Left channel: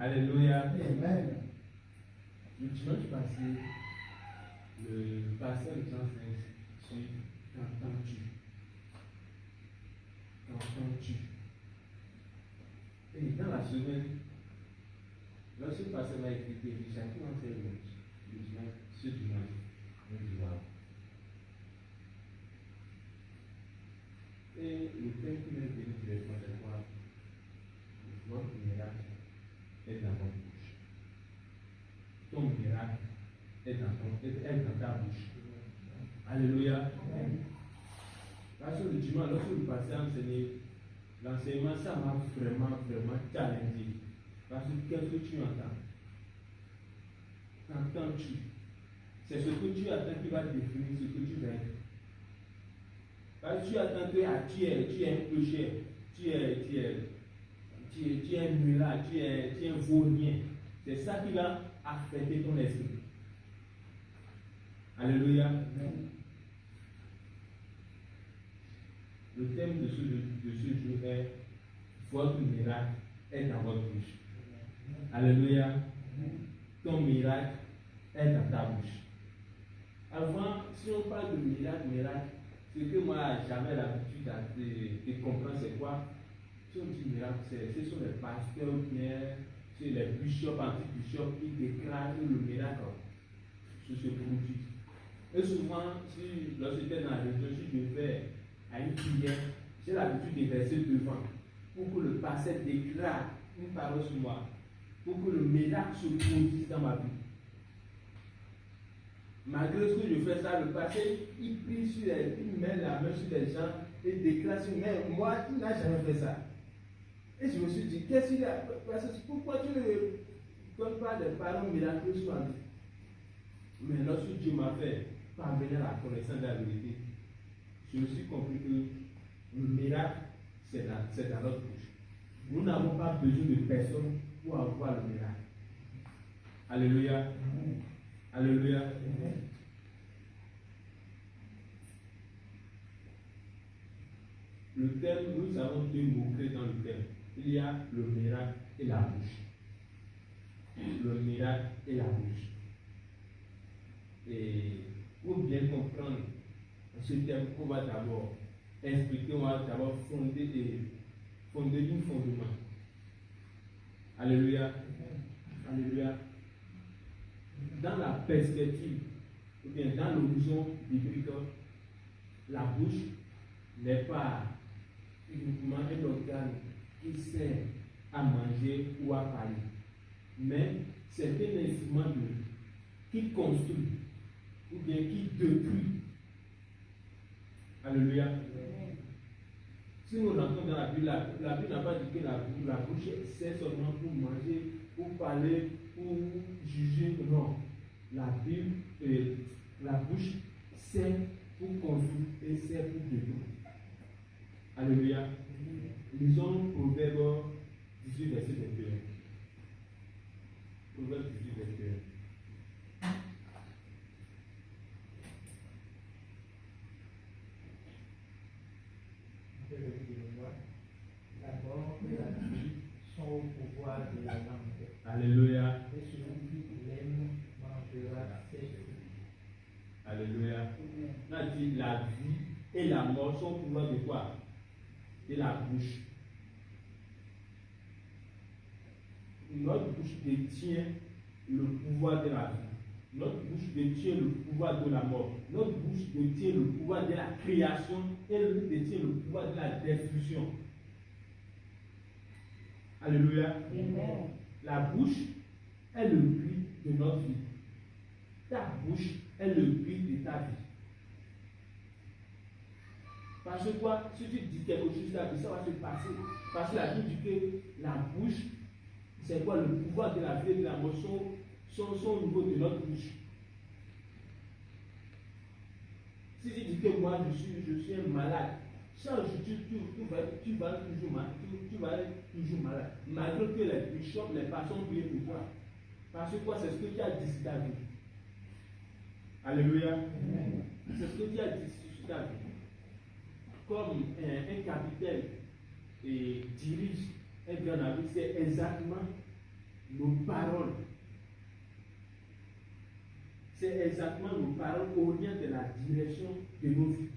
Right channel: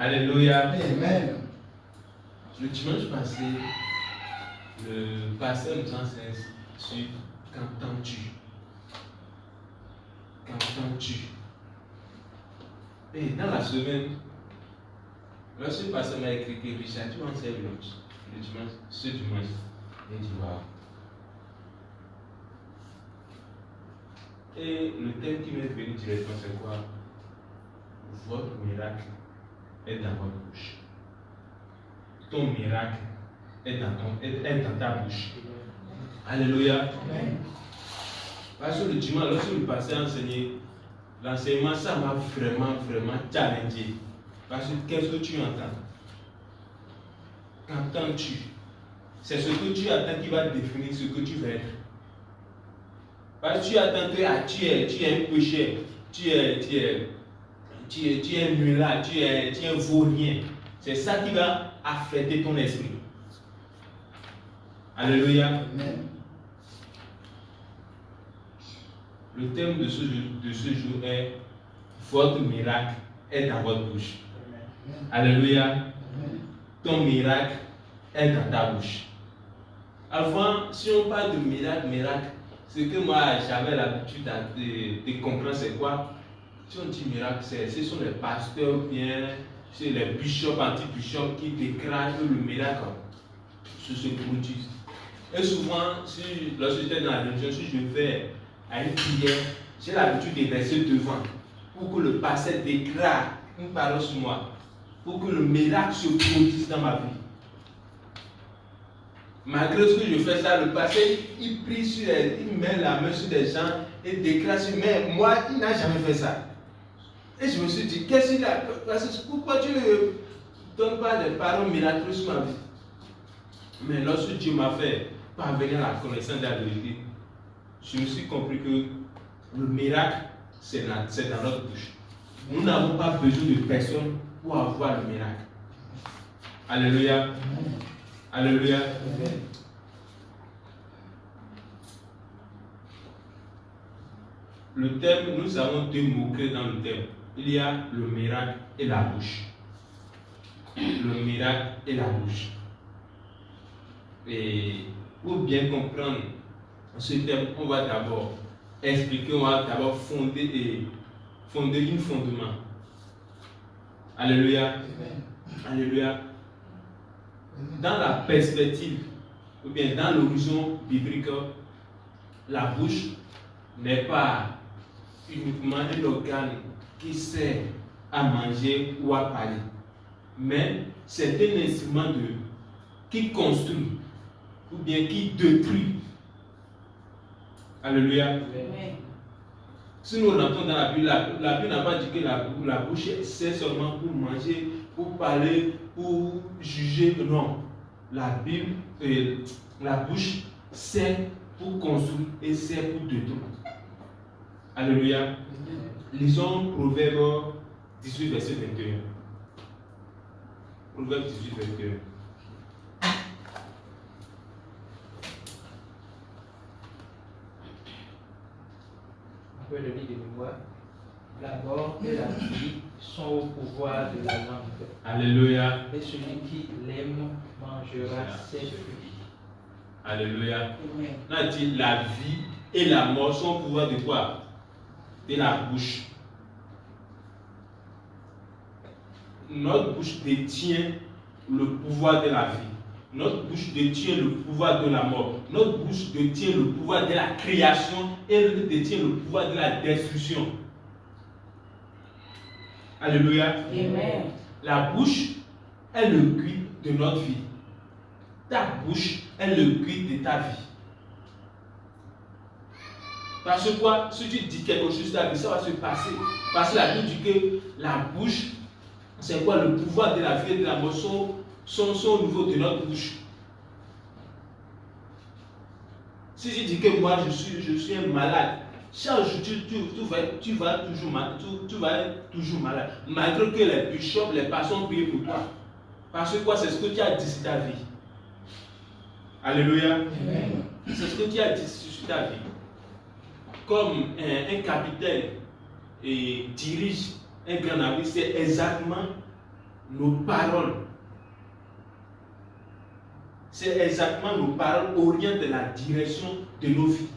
Alléluia. Amen. Le dimanche passé, le pasteur nous enseigne sur qu'entends-tu. Qu'entends-tu. Et dans la semaine, lorsque le pasteur m'a écrit que Richard, tu m'enseignes le dimanche, ce dimanche. Il dit waouh. Et le thème qui m'est venu directement, c'est quoi? Votre miracle est dans votre bouche. Ton miracle est dans ta bouche. Alléluia. Parce que le dimanche, lorsque le pasteur a enseigné, l'enseignement, ça m'a vraiment challengé. Parce que qu'est-ce que tu entends? Qu'entends-tu? C'est ce que tu attends qui va définir ce que tu vas être. Parce que tu attends que tu es un pécheur, tu es un mulâtre, tu es un vaurien. C'est ça qui va affecter ton esprit. Alléluia. Amen. Le thème de ce jour est votre miracle est dans votre bouche. Alléluia. Amen. Ton miracle est dans ta bouche. Avant, si on parle de miracle, ce que moi j'avais l'habitude de comprendre, c'est quoi? Si on dit miracle, ce sont les pasteurs bien, c'est les bishops, anti-bishops qui déclarent que le miracle se produit. Et souvent, lorsque j'étais dans la religion, si je vais à une prière, j'ai l'habitude de rester devant pour que le pasteur déclare une parole sur moi, pour que le miracle se produise dans ma vie. Malgré ce que je fais ça, le pasteur, il prie il met la main sur des gens et déclare sur mais moi, il n'a jamais fait ça. Et je me suis dit, qu'est-ce qu'il a? Pourquoi tu ne donnes pas des paroles miraculeuses sur ma vie? Mais lorsque Dieu m'a fait parvenir à la connaissance de la vérité, je me suis compris que le miracle, c'est dans notre bouche. Nous n'avons pas besoin de personne pour avoir le miracle. Alléluia. Alléluia. Le thème, nous avons deux mots-clés dans le thème. Il y a le miracle et la bouche. Le miracle et la bouche. Et pour bien comprendre ce thème, on va d'abord expliquer, on va d'abord fonder un fondement. Alléluia. Alléluia. Dans la perspective, ou bien dans l'horizon biblique, la bouche n'est pas uniquement un organe qui sert à manger ou à parler, mais c'est un instrument qui construit ou bien qui détruit. Alléluia. Si nous rentrons dans la Bible, la Bible n'a pas dit que la bouche sert seulement pour manger, pour parler, pour juger. Non. La Bible, la bouche sert pour construire et sert pour détruire. Alléluia. Lisons Proverbe 18, verset 21. Proverbe 18, 21. On peut le lire de mémoire. La mort et la vie sont au pouvoir de la langue. Alléluia. Et celui qui l'aime mangera ses fruits. Alléluia. On a dit la vie et la mort sont au pouvoir de quoi? De la bouche. Notre bouche détient le pouvoir de la vie. Notre bouche détient le pouvoir de la mort. Notre bouche détient le pouvoir de la création et elle détient le pouvoir de la destruction. Alléluia. Amen. La bouche est le guide de notre vie. Ta bouche est le guide de ta vie. Parce que quoi? Si tu dis quelque chose, ta vie, ça va se passer. Parce que la Bible dit que la bouche, c'est quoi? Le pouvoir de la vie et de la mort sont au niveau de notre bouche. Si tu dis que moi je suis un malade, chaque jour tu vas être toujours malade. Malgré que les bishops, les pasteurs ont prié pour toi. Parce que quoi? C'est ce que tu as dit sur ta vie. Alléluia. Amen. C'est ce que tu as dit sur ta vie. Comme un capitaine dirige un grand navire, c'est exactement nos paroles, c'est exactement nos paroles orientent la direction de nos vies.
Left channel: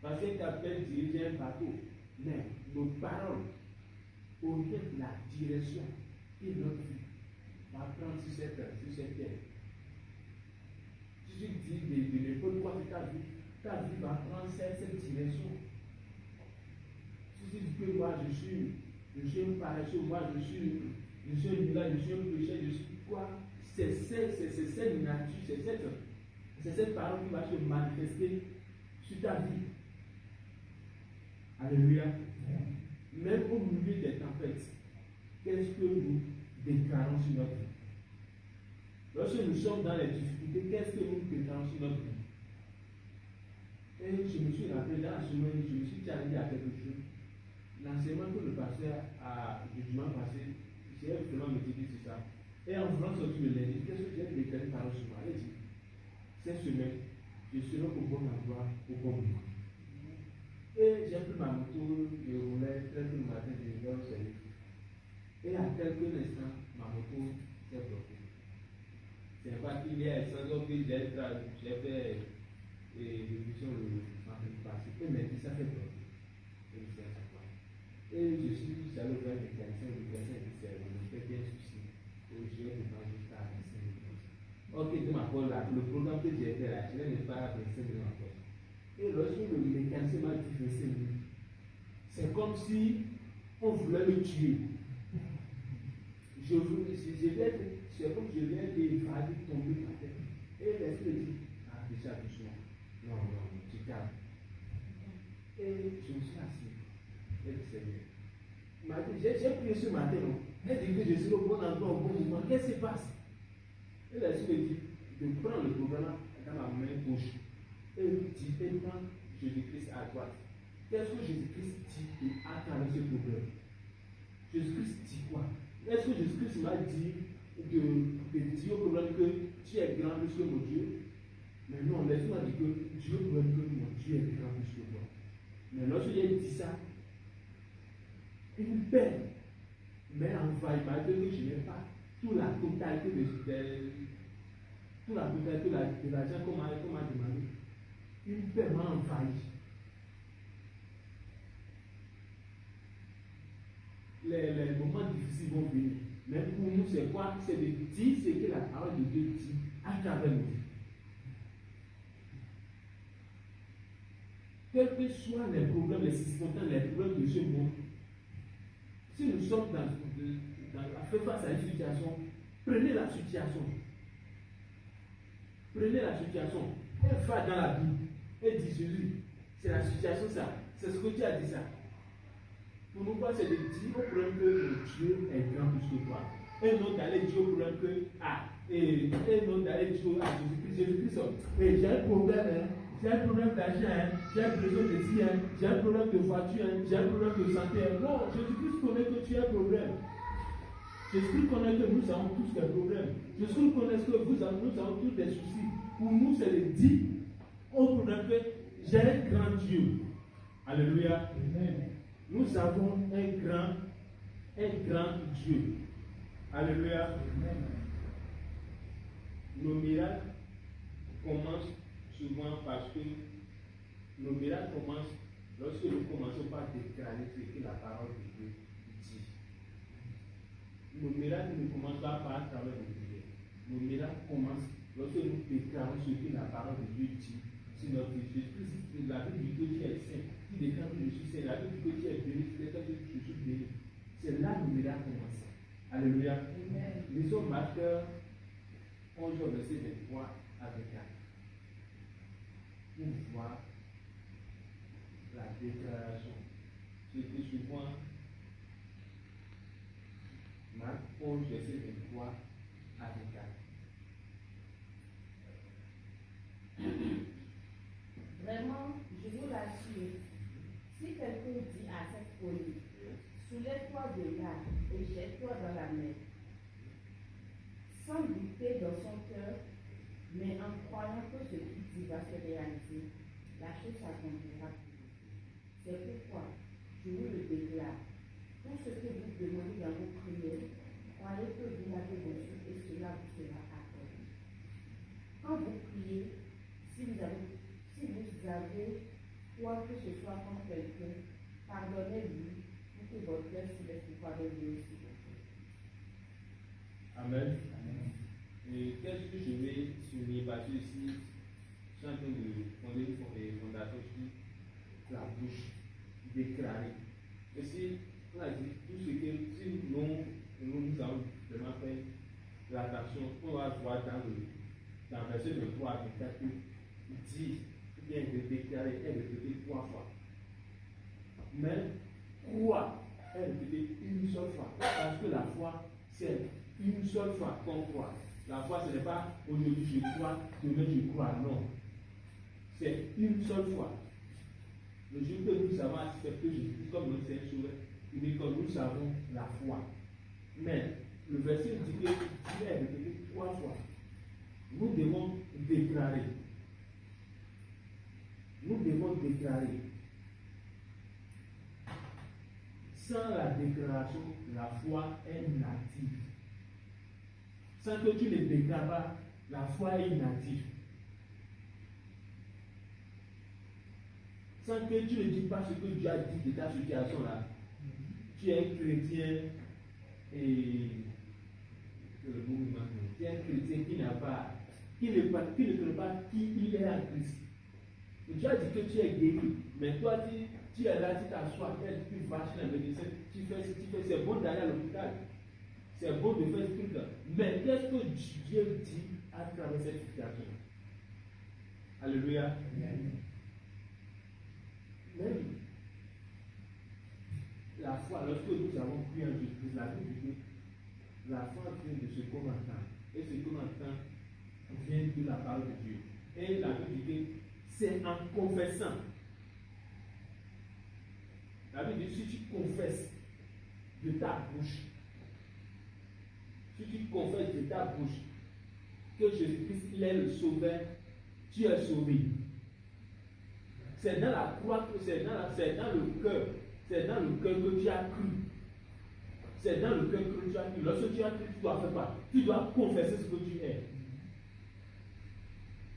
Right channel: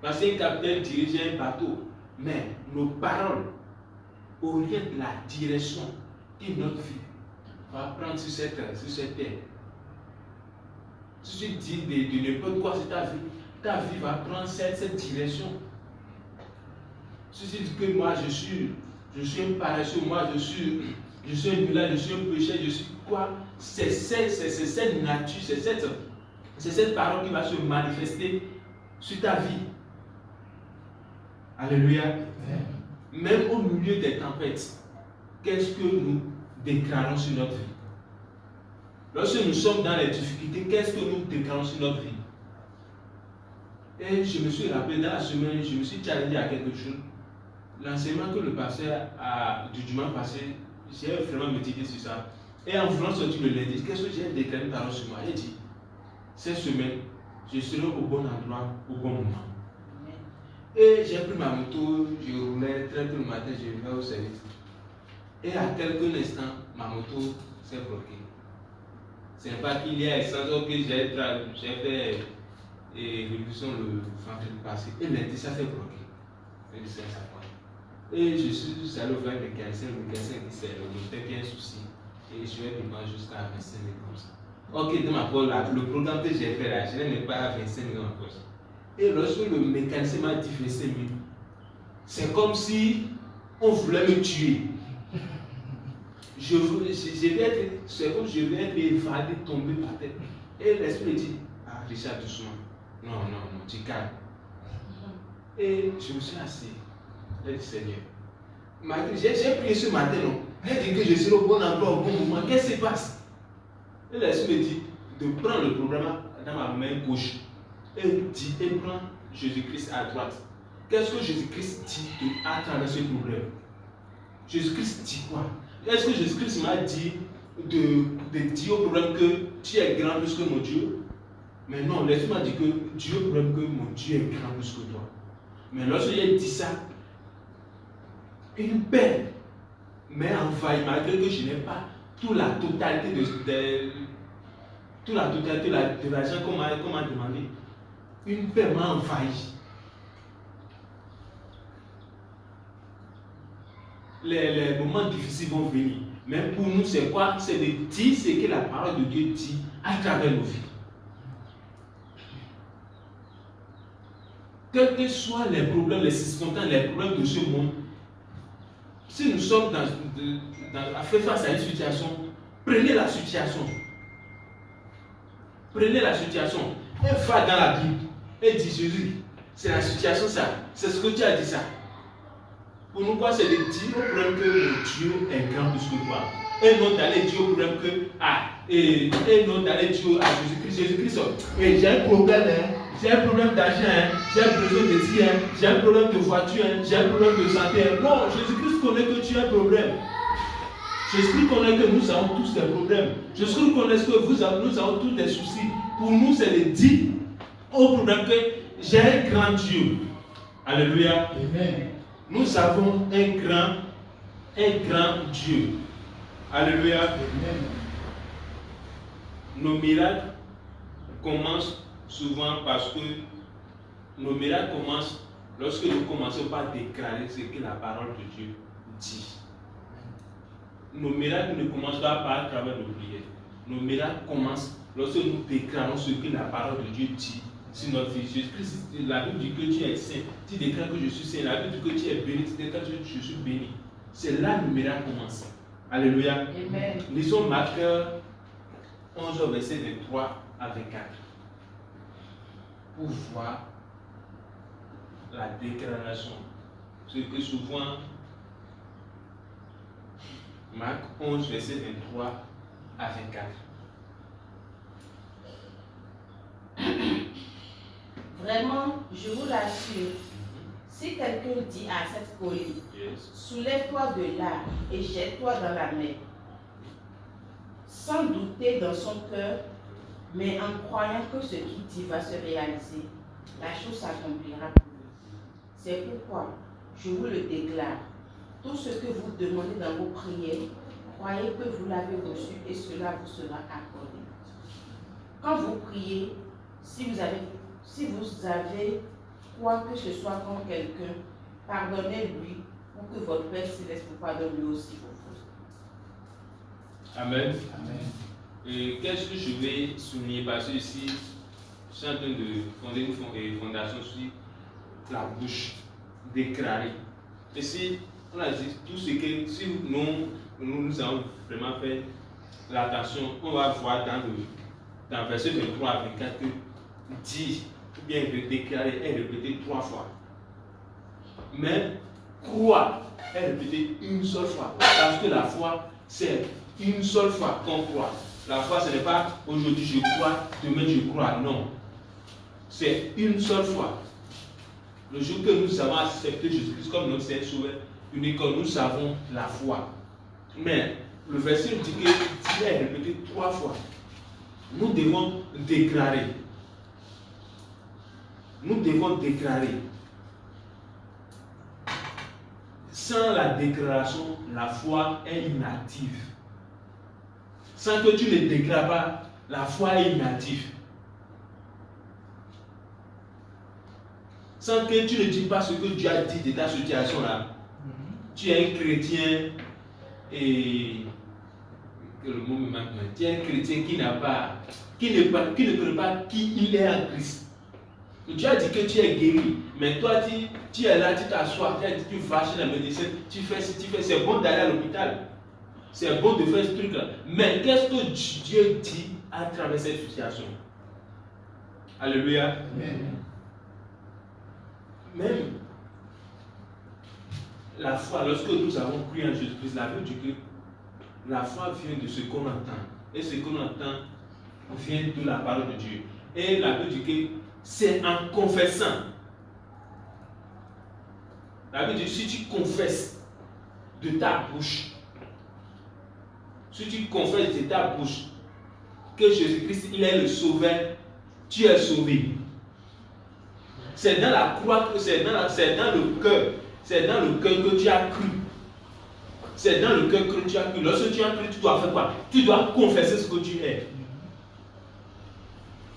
Parce qu'un capitaine dirigeait un bateau, mais nos paroles orientent la direction que notre vie va prendre sur cette terre. Si tu dis de n'importe quoi sur ta vie va prendre cette direction. Si tu dis que moi je suis un paresseux, moi je suis un nulard, je suis un péché, je suis quoi? C'est cette nature, c'est cette parole qui va se manifester sur ta vie. Alléluia. Même au milieu des tempêtes, qu'est-ce que nous déclarons sur notre vie? Lorsque nous sommes dans les difficultés, qu'est-ce que nous déclarons sur notre vie? Et je me suis rappelé dans la semaine, je me suis challengé à quelque chose. L'enseignement que le pasteur a du dimanche passé, j'ai vraiment médité sur ça. Et en voulant sortir le lundi, qu'est-ce que j'ai déclaré une parole sur moi? Il dit, cette semaine, je serai au bon endroit, au bon moment. Et j'ai pris ma moto, je roulais très tôt le matin, je vais au service. Et à quelques instants, ma moto s'est bloquée. C'est pas qu'il y a essence que j'ai fait révision le vendredi passé. Et lundi, ça s'est bloqué. Et je suis allé vers le mécanicien dit c'est le moteur qui a un souci. Et je vais demander jusqu'à 25 000 comme ça. Ok, dans ma poche, le programme que j'ai fait là, je n'ai pas à 25 000 en poche. Et lorsque le mécanicien m'a dit 25 000, c'est comme si on voulait me tuer. C'est comme si je vais être évadé, tomber par terre. Et l'esprit dit, ah Richard, doucement. Non, tu calmes. Et je me suis assis. J'ai dit, Seigneur, j'ai prié ce matin, non? J'ai dit que je serai au bon endroit, au bon moment. Qu'est-ce qui se passe? Et l'esprit me dit de prendre le programme dans ma main gauche et prendre Jésus-Christ à droite. Qu'est-ce que Jésus-Christ dit à travers ce problème? Jésus-Christ dit quoi? Est-ce que Jésus-Christ m'a dit de dire au problème que tu es grand plus que mon Dieu? Mais non, l'Esprit m'a dit que Dieu est problème que mon Dieu est grand plus que toi. Mais lorsque j'ai dit ça, une paix m'a envahi, malgré que je n'ai pas toute la totalité de l'argent qu'on m'a demandé. Une paix m'a envahi. Les moments difficiles vont venir. Mais pour nous, c'est quoi? C'est de dire ce que la parole de Dieu dit à travers nos vies. Quels que soient les problèmes, les circonstances, les problèmes de ce monde, si nous sommes à faire face à une situation, prenez la situation. Prenez la situation. Et va dans la Bible. Et dis Jésus, c'est la situation ça. C'est ce que tu as dit ça. Pour nous, quoi, c'est de dire au problème que Dieu est grand plus que toi. Et non d'aller dire au problème que, et non d'aller dire à Jésus-Christ, Jésus-Christ, et j'ai un problème, j'ai un problème d'argent, j'ai besoin de dire, j'ai un problème de voiture, j'ai un problème de santé. Non, Jésus-Christ connaît que tu as un problème. Jésus-Christ connaît que nous avons tous des problèmes. Jésus-Christ connaît que nous avons tous des soucis. Pour nous, c'est de dire au problème que j'ai un grand Dieu. Alléluia. Amen. Nous avons un grand Dieu. Alléluia. Amen. Nos miracles commencent souvent parce que nos miracles commencent lorsque nous commençons par déclarer ce que la parole de Dieu dit. Nos miracles ne commencent pas par travers nos prières. Nos miracles commencent lorsque nous déclarons ce que la parole de Dieu dit sur notre vie. Jésus-Christ, la Bible dit que tu es saint. Tu déclares que je suis saint. La Bible dit que tu es béni. Tu déclares que je suis béni. C'est là que le miracle commence. Alléluia. Amen. Lisons Marc 11, verset 23 à 24. Pour voir la déclaration. Ce que souvent, Marc 11, verset 23 à 24. Vraiment, je vous l'assure, si quelqu'un dit à cette colline, soulève-toi de là et jette-toi dans la mer, sans douter dans son cœur, mais en croyant que ce qu'il dit va se réaliser, la chose s'accomplira pour lui. C'est pourquoi, je vous le déclare, tout ce que vous demandez dans vos prières, croyez que vous l'avez reçu et cela vous sera accordé. Quand vous priez, si vous avez quoi que ce soit contre quelqu'un, pardonnez-lui pour que votre Père Céleste vous pardonne lui aussi vos fautes. Amen. Et qu'est-ce que je vais souligner? Parce que ici, je suis en train de fonder une fondation sur la bouche déclarée. Et si on a dit tout ce que, si nous avons vraiment fait l'attention, on va voir dans verset 23 à 24 que dit ou bien déclarer est répété 3 fois. Mais croire est répété une seule fois. Parce que la foi, c'est une seule fois qu'on croit. La foi, ce n'est pas aujourd'hui je crois, demain je crois. Non. C'est une seule fois. Le jour que nous avons accepté Jésus-Christ comme notre Seigneur Sauveur, unique, nous avons la foi. Mais le verset dit que Dieu est répété 3 fois. Nous devons déclarer. Nous devons déclarer. Sans la déclaration, la foi est inactive. Sans que tu ne déclares pas, la foi est inactive. Sans que tu ne dis pas ce que Dieu a dit de ta situation-là, tu es un chrétien et que le mot me manque. Tu es un chrétien qui n'a pas, qui ne connaît pas qui il est en Christ. Dieu a dit que tu es guéri, mais toi tu es là, tu t'assois, tu vas chez la médecine, tu fais, c'est bon d'aller à l'hôpital, c'est bon de faire ce truc-là. Mais qu'est-ce que Dieu dit à travers cette situation? Alléluia. Amen. Même la foi, lorsque nous avons cru en Jésus-Christ, la Bible dit que la foi vient de ce qu'on entend. Et ce qu'on entend vient de la parole de Dieu. Et la Bible dit que c'est en confessant. La Bible dit, si tu confesses de ta bouche, si tu confesses de ta bouche que Jésus-Christ, il est le sauveur, tu es sauvé. C'est dans la croix, c'est dans le cœur que tu as cru. C'est dans le cœur que tu as cru. Lorsque tu as cru, tu dois faire quoi? Tu dois confesser ce que tu es.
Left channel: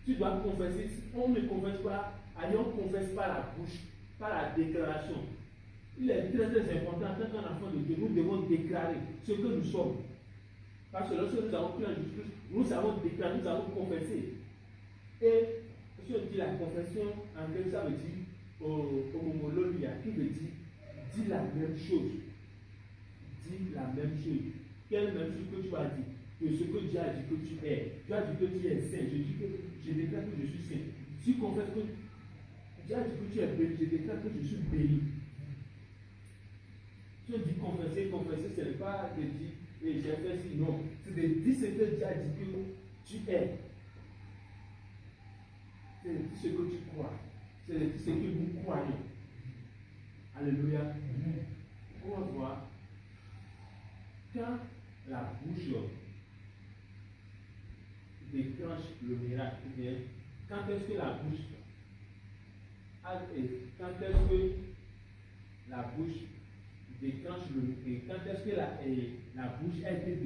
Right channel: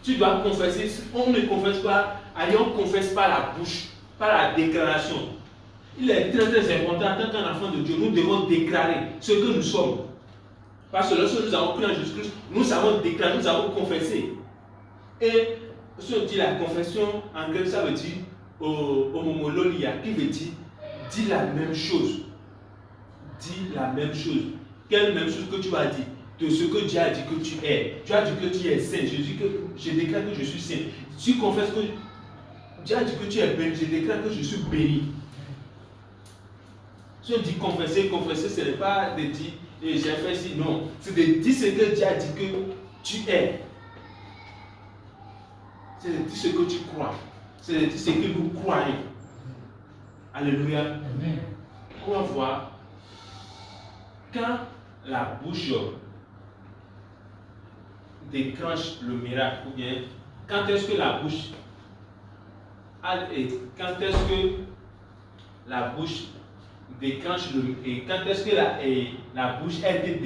Tu dois confesser. On ne confesse pas, on confesse par la bouche, par la déclaration. Il est très très important, en tant qu'un enfant de Dieu, nous devons déclarer ce que nous sommes. Parce que lorsque nous avons cru en Jésus-Christ, nous avons déclaré, nous avons confessé. Et si on dit la confession, en grec, ça veut dire homomologia, qui veut dire dis la même chose. Dis la même chose. Quelle même chose que tu vas dire? De ce que Dieu a dit que tu es. Tu as dit que tu es saint. Je déclare que je suis saint. Tu confesses que Dieu a dit que tu es béni. Je déclare que je suis béni. Si on dit confesser, ce n'est pas de dire j'ai fait ci. Non. C'est de dire ce que Dieu a dit que tu es. C'est de dire ce que tu crois. C'est de dire ce que nous croyons. Alléluia. Amen. On va voir quand la bouche déclenche le miracle, ou bien quand est-ce que la bouche déclenche quand est-ce que la bouche a été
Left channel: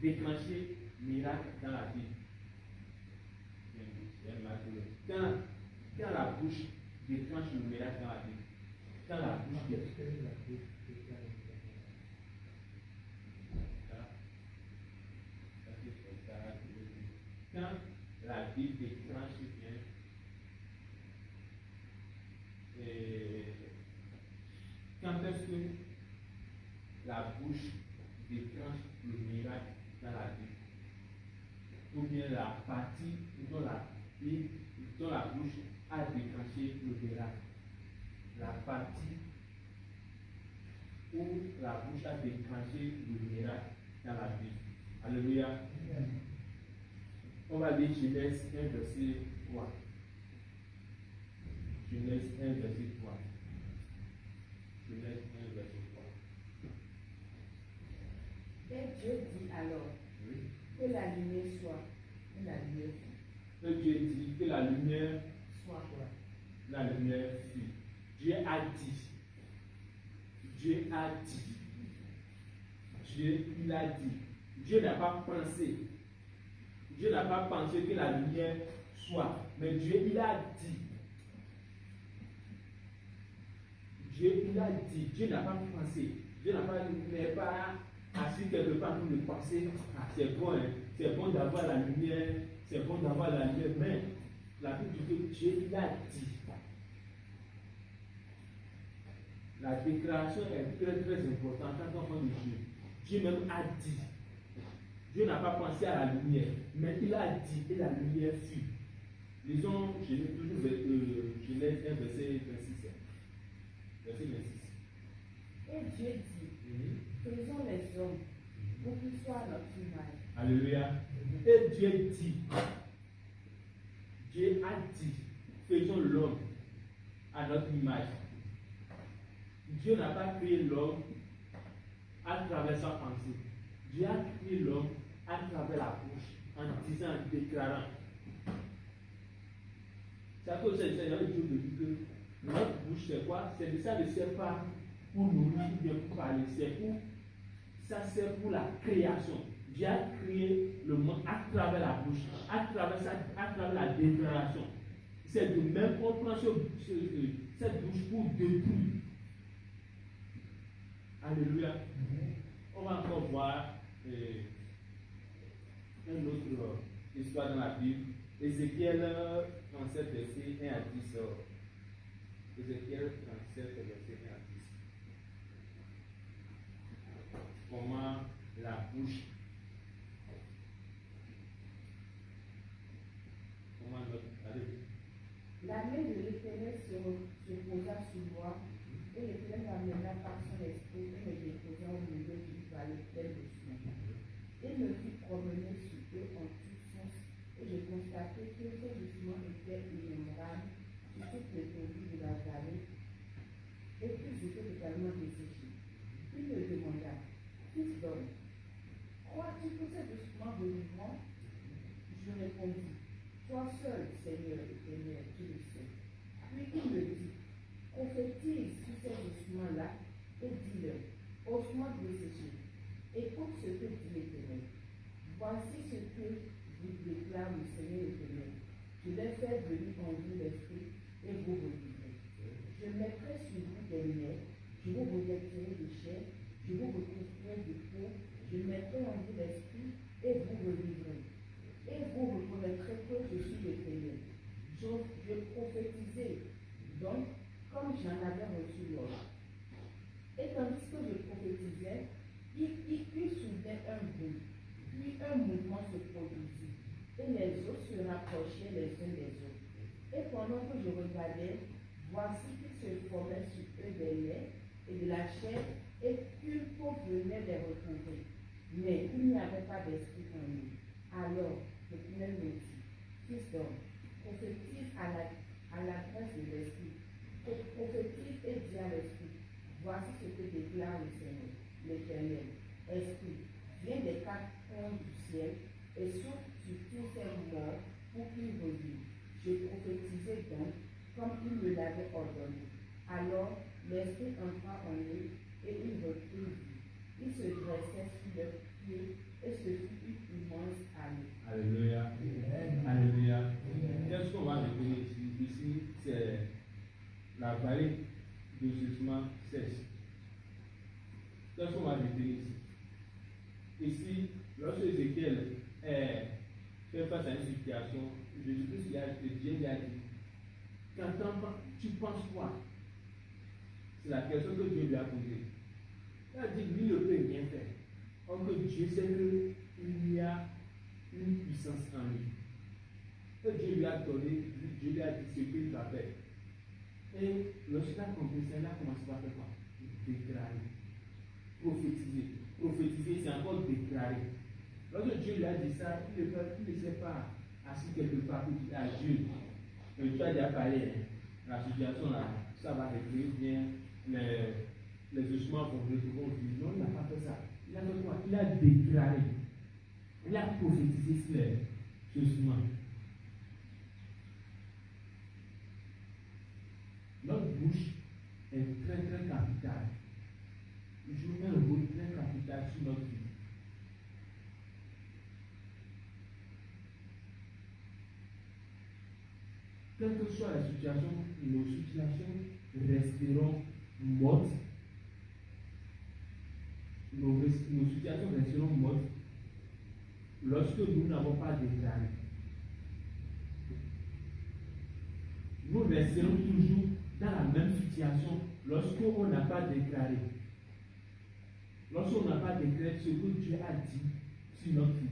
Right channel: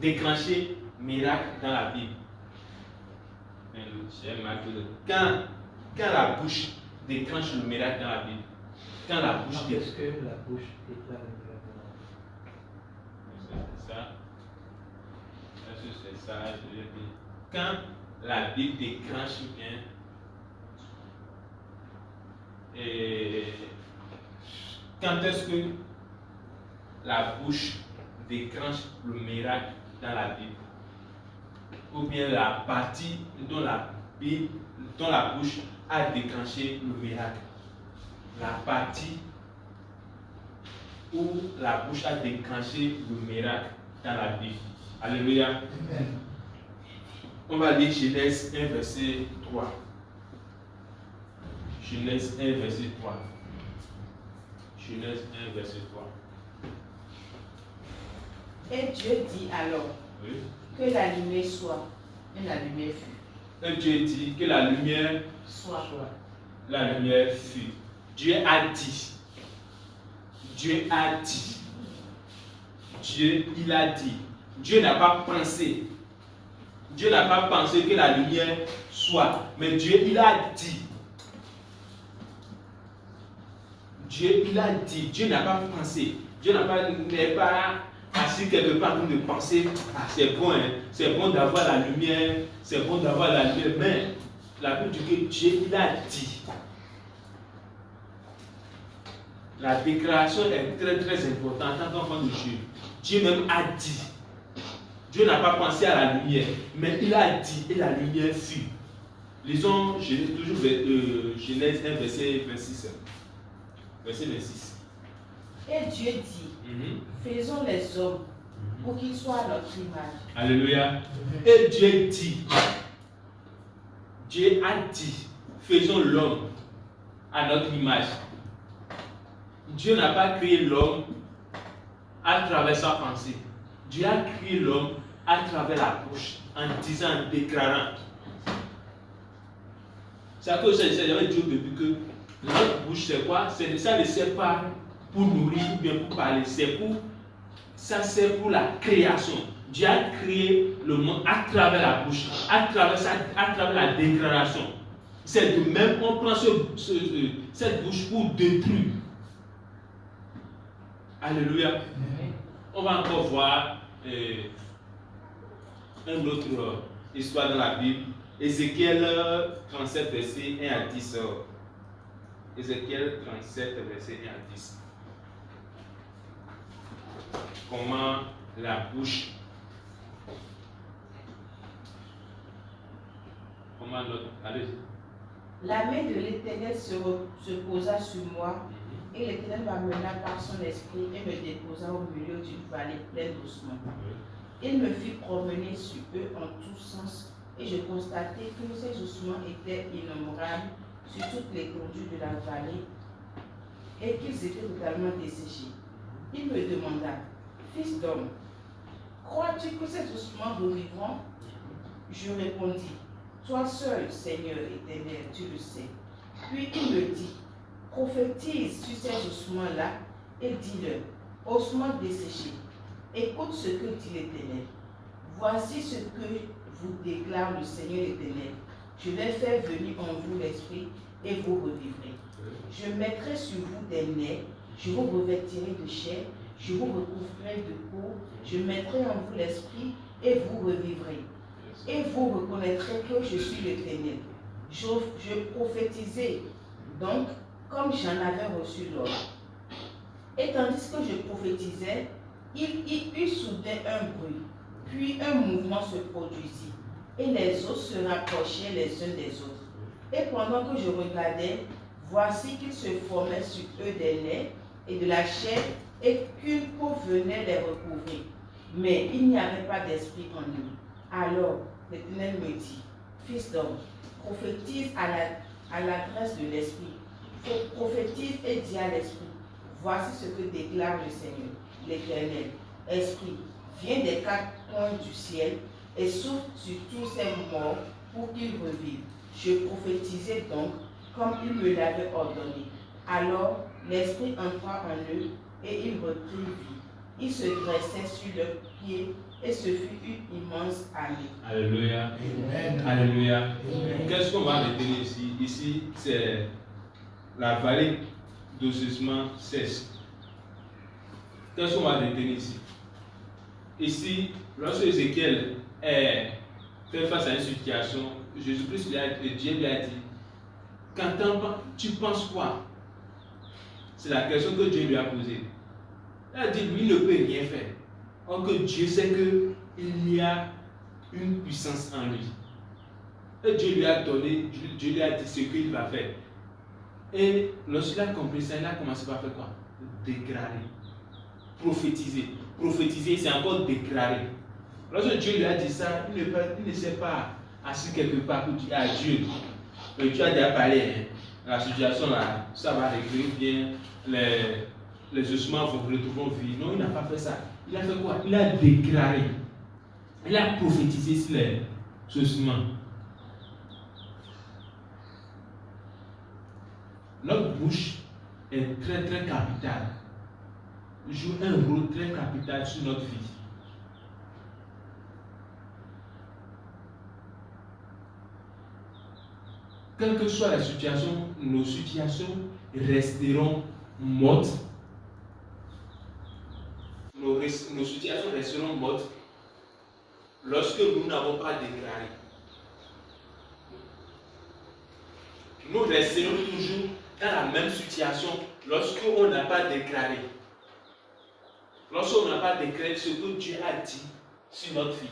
déclenchée miracle dans la Bible. Quand la bouche déclenche le miracle dans la Bible. Quand la bouche déclenche. Est-ce que la bouche déclenche le miracle dans la Bible? C'est ça. Est-ce que c'est ça? Je vais dire. Quand la Bible déclenche bien. Et quand est-ce que la bouche déclenche le miracle dans la Bible? Ou bien la partie dont la bouche a déclenché le miracle. La partie où la bouche a déclenché le miracle dans la Bible. Alléluia. Amen. On va lire Genèse 1, verset 3. Genèse 1, verset 3. Genèse 1, verset 3. Et Dieu dit alors, oui, que la lumière soit. Et la lumière fut. Et Dieu dit que la lumière soit. La lumière fut. Dieu a dit. Dieu a dit. Dieu, il a dit. Dieu n'a pas pensé. Dieu n'a pas pensé que la lumière soit. Mais Dieu, il a dit. Dieu, il a dit. Dieu n'a pas pensé. Dieu n'est pas assis quelque part pour de penser, ah, c'est bon, hein, c'est bon d'avoir la lumière, c'est bon d'avoir la lumière. Mais la Bible dit que Dieu, il a dit. La déclaration est très très importante en tant qu'enfant de Dieu. Dieu même a dit. Dieu n'a pas pensé à la lumière, mais il a dit et la lumière fut. Lisons toujours Genèse 1, verset 26. Verset 26. Et Dieu dit, faisons les hommes pour qu'ils soient à notre image. Alléluia. Et Dieu dit, Dieu a dit, faisons l'homme à notre image. Dieu n'a pas créé l'homme à travers sa pensée. Dieu a créé l'homme à travers la bouche, en disant, en déclarant. C'est à cause de ça, j'avais dit au début que notre bouche, c'est quoi? Ça ne sert pas pour nourrir ou bien pour parler, ça sert pour la création. Dieu a créé le monde à travers la bouche, à travers la déclaration. C'est de même, on prend cette bouche pour détruire. Alléluia. On va encore voir une autre histoire dans la Bible. Ézéchiel 37, verset 1 à 10. Ézéchiel 37, verset 1 à 10. Comment la bouche, allez. La main de l'Éternel se posa sur moi, et l'Éternel m'amena par son esprit et me déposa au milieu d'une vallée pleine d'ossements. Il me fit promener sur eux en tous sens, et je constatai que ces ossements étaient innombrables sur toute l'étendue de la vallée, et qu'ils étaient totalement desséchés. Il me demanda, fils d'homme, crois-tu que ces ossements revivront? Je répondis, toi seul, Seigneur éternel, tu le sais. Puis il me dit, prophétise sur ces ossements-là et dis-leur, ossements desséchés, écoute ce que dit l'Éternel. Voici ce que vous déclare le Seigneur éternel. Je vais faire venir en vous l'esprit et vous revivrez. Je mettrai sur vous des nerfs, je vous revêtirai de chair, je vous recouvrirai de peau, je mettrai en vous l'esprit et vous revivrez. Et vous reconnaîtrez que je suis l'Éternel. Je prophétisais donc comme j'en avais reçu l'ordre. Et tandis que je prophétisais, il y eut soudain un bruit, puis un mouvement se produisit, et les os se rapprochaient les uns des autres. Et pendant que je regardais, voici qu'il se formait sur eux des nerfs et de la chair, et qu'une peau venait les recouvrir. Mais il n'y avait pas d'esprit en eux. Alors l'Éternel me dit, fils d'homme, prophétise à l'adresse de l'esprit. Prophétise et dis à l'esprit, voici ce que déclare le Seigneur, l'Éternel. Esprit, viens des quatre coins du ciel et souffle sur tous ces morts pour qu'ils revivent. Je prophétisais donc comme il me l'avait ordonné. Alors l'esprit entra en eux et ils reprirent vie. Ils se dressaient sur leurs pieds et ce fut une immense armée. Alléluia. Amen. Alléluia. Qu'est-ce qu'on va retenir ici? Ici, c'est la vallée d'ossement cesse. Qu'est-ce qu'on va retenir ici? Ici, lorsque Ézéchiel fait face à une situation, Jésus-Christ Dieu lui a dit, quand tu penses quoi? C'est la question que Dieu lui a posée. Il a dit, lui ne peut rien faire. Or que Dieu sait qu'il y a une puissance en lui. Et Dieu lui a donné, Dieu lui a dit ce qu'il va faire. Et lorsqu'il a compris ça, il a commencé par faire quoi? Déclarer. Prophétiser. Prophétiser, c'est encore déclarer. Lorsque Dieu lui a dit ça, il ne s'est pas assis quelque part pour dire à Dieu. Tu as déjà parlé, hein, la situation là, ça va régler bien, les ossements vont retrouver vie. Non, il n'a pas fait ça. Il a fait quoi? Il a déclaré. Il a prophétisé sur les ossements. Notre bouche est très très capitale. joue un rôle très capital sur notre vie. Quelle que soit la situation, nos situations resteront mortes. Nos situations resteront mortes lorsque nous n'avons pas déclaré. Nous resterons toujours dans la même situation lorsqu'on n'a pas déclaré. Lorsqu'on n'a pas déclaré ce que Dieu a dit sur notre vie.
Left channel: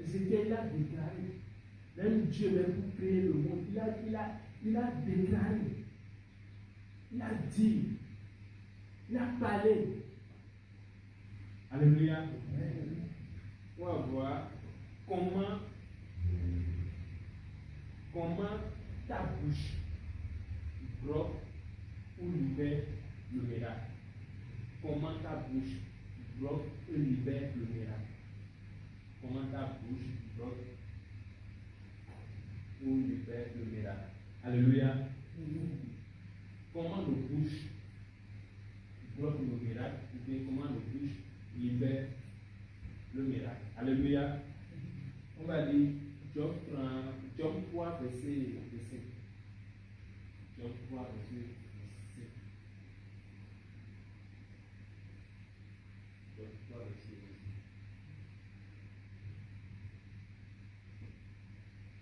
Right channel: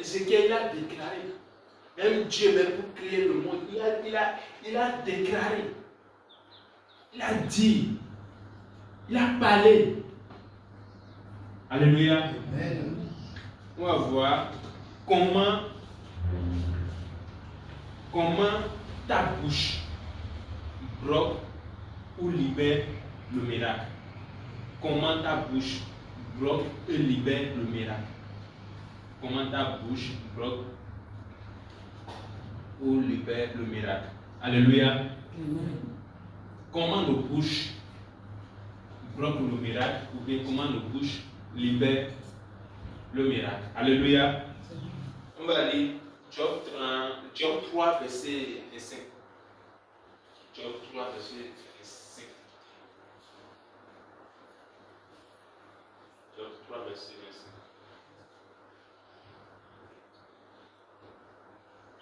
Ézéchiel a déclaré. Même Dieu, même pour créer le monde, il a déclaré. Il a dit. Il a parlé. Alléluia. Amen. On va voir comment ta bouche bloque ou libère le miracle. Comment ta bouche bloque et libère le miracle. Comment ta bouche bloque ou libère le miracle. Alléluia. Amen. Comment nos bouches bloquent le miracle ou bien comment nos bouches libèrent le miracle. Alléluia. On va lire Job 3, verset 5. Job 3, verset 5. Job 3, verset 5.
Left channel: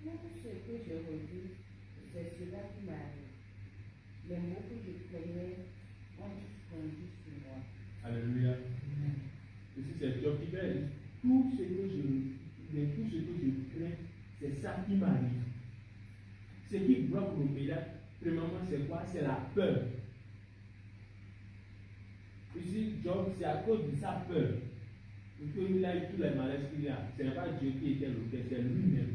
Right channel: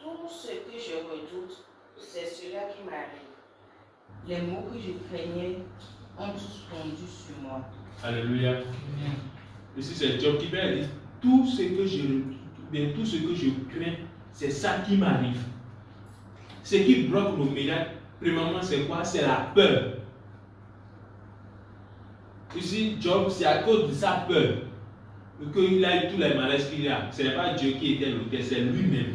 Tout ce que je redoute, c'est cela qui m'arrive. Les mots que je craignais ont fondu sur moi. Alléluia. Ici c'est Job qui va dire tout ce que je crains, c'est ça qui m'arrive. Ce qui bloque le miracle, premièrement, c'est quoi? C'est la peur. Ici, Job, c'est à cause de sa peur qu'il a eu tous les malaises qu'il a. Ce n'est pas Dieu qui était l'auteur, c'est lui-même.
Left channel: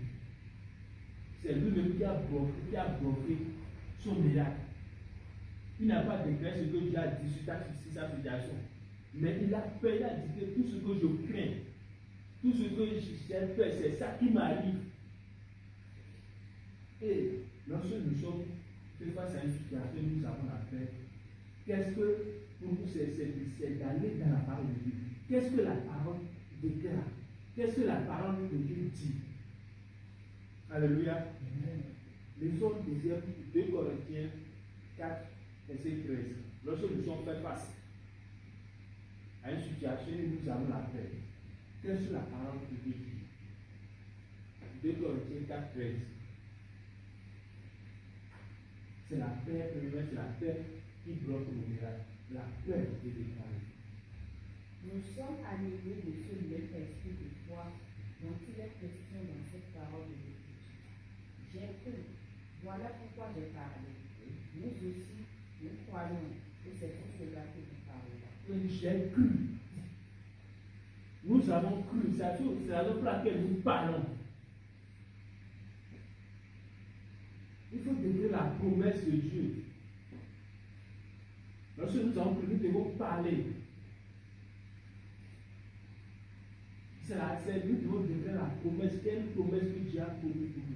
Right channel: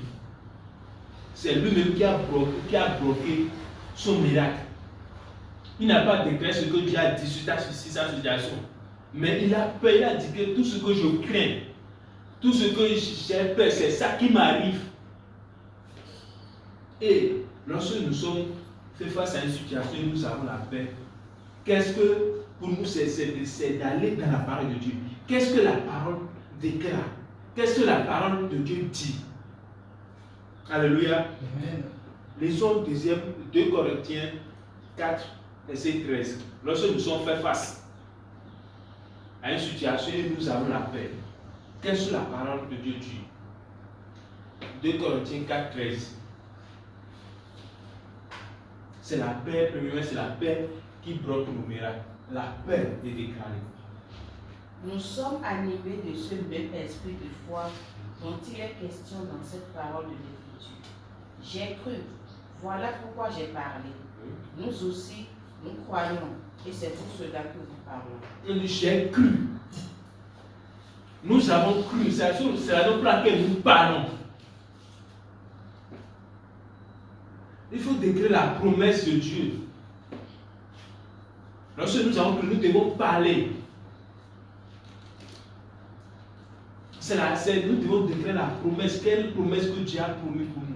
C'est lui-même qui a bloqué son miracle. Il n'a pas déclaré ce que Dieu a dit sur sa situation. Mais il a peur, il a dit que tout ce que je crains, tout ce que j'ai peur, c'est ça qui m'arrive. Et lorsque nous sommes fait face à une situation où nous avons la paix, qu'est-ce que pour nous c'est d'aller dans la parole de Dieu. Qu'est-ce que la parole déclare? Qu'est-ce que la parole de Dieu dit? Alléluia. Amen. Lisons 2 Corinthiens 4, verset 13. Lorsque nous sommes fait face à une situation où nous avons la paix, qu'est-ce que la parole de Dieu dit? 2 Corinthiens 4, 13. C'est la paix, premièrement, c'est la paix qui bloque nos miracles. La paix est déclarée. Nous sommes animés de ce même esprit de foi dont il est question dans cette parole de l'Écriture. J'ai cru, voilà pourquoi j'ai parlé. Nous aussi, nous croyons, et c'est pour cela que nous parlons. J'ai cru. Nous avons cru, c'est la raison pour laquelle nous parlons. Il faut déclarer la promesse de Dieu. Lorsque nous avons cru, nous devons parler. Nous devons déclarer la promesse. Quelle promesse que Dieu a promis pour nous?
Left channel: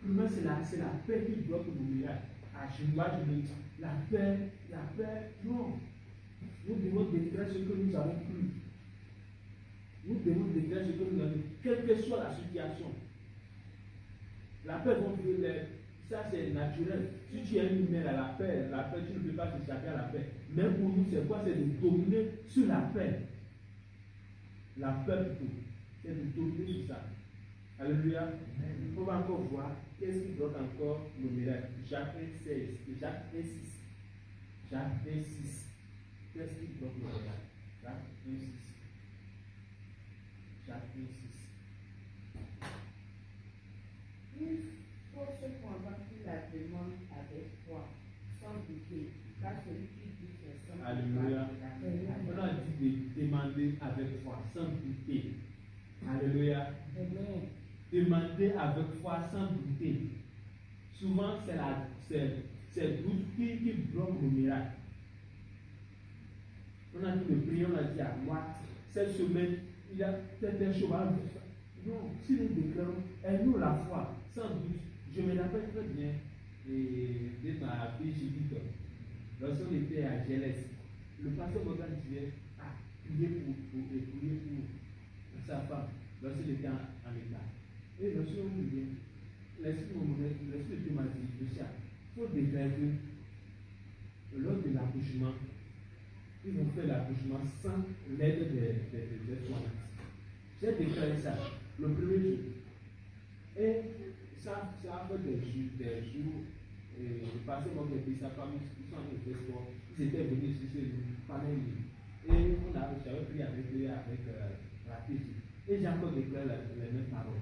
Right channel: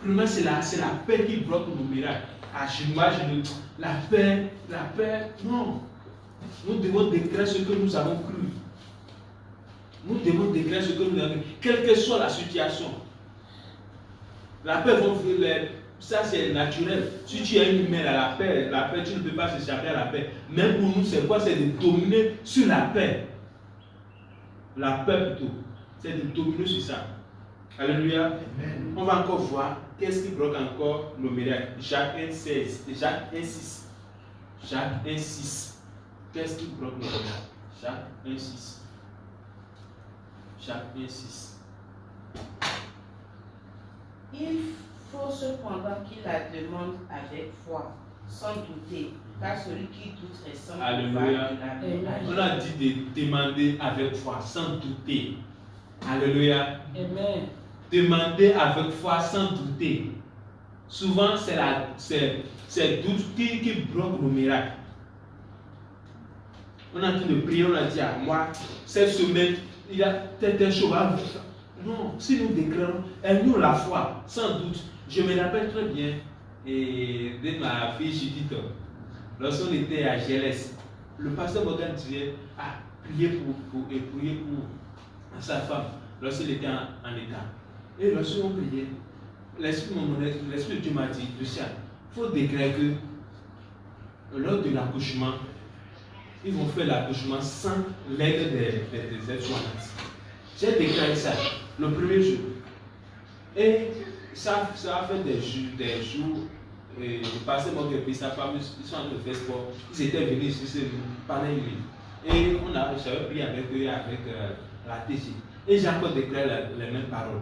Premièrement, c'est la paix qui bloque nos miracles. La paix, non. Nous devons déclarer ce que nous avons cru. Nous devons déclarer ce que nous avons cru, quelle que soit la situation. La paix, ça c'est naturel. Si tu as une humaine à la paix, tu ne peux pas s'échapper à la paix. Même pour nous, c'est quoi? C'est de dominer sur la paix. La paix plutôt. C'est de dominer sur ça. Alléluia. Amen. On va encore voir qu'est-ce qui bloque encore nos miracles. Jacques 1,16. Jacques 1,6. Jacques 1,6. Qu'est-ce qui bloque nos miracles? Jacques 1,6. Jacques 1,6. Il faut cependant qu'il la demande avec foi, sans douter, car celui qui doute ressemble à la. On a dit de demander avec foi, sans douter. Alléluia. Amen. Demander avec foi, sans douter. Souvent, c'est doute qui bloque le miracle. On a en train de prier, on a dit à moi, cette semaine, il y a telle chose. Non, si nous déclarons, elle nous la foi, sans doute. Je me rappelle très bien de ma fille Chidito. Lorsqu'on était à GLS, le pasteur Morgan disait priez pour sa femme lorsqu'il était en état. Et lorsqu'on priait, l'Esprit de Dieu m'a dit, Lucien, il faut déclarer que lors de l'accouchement, ils vont faire l'accouchement sans l'aide des aides-soignantes. J'ai déclaré ça le premier jour. Et ça a fait des jours. Le pasteur Morgan et sa femme, ils sont en train de faire sport. Ils étaient venus ici pendant une nuit. Et j'avais prié avec eux, avec la TG. Et j'ai encore déclaré les mêmes paroles.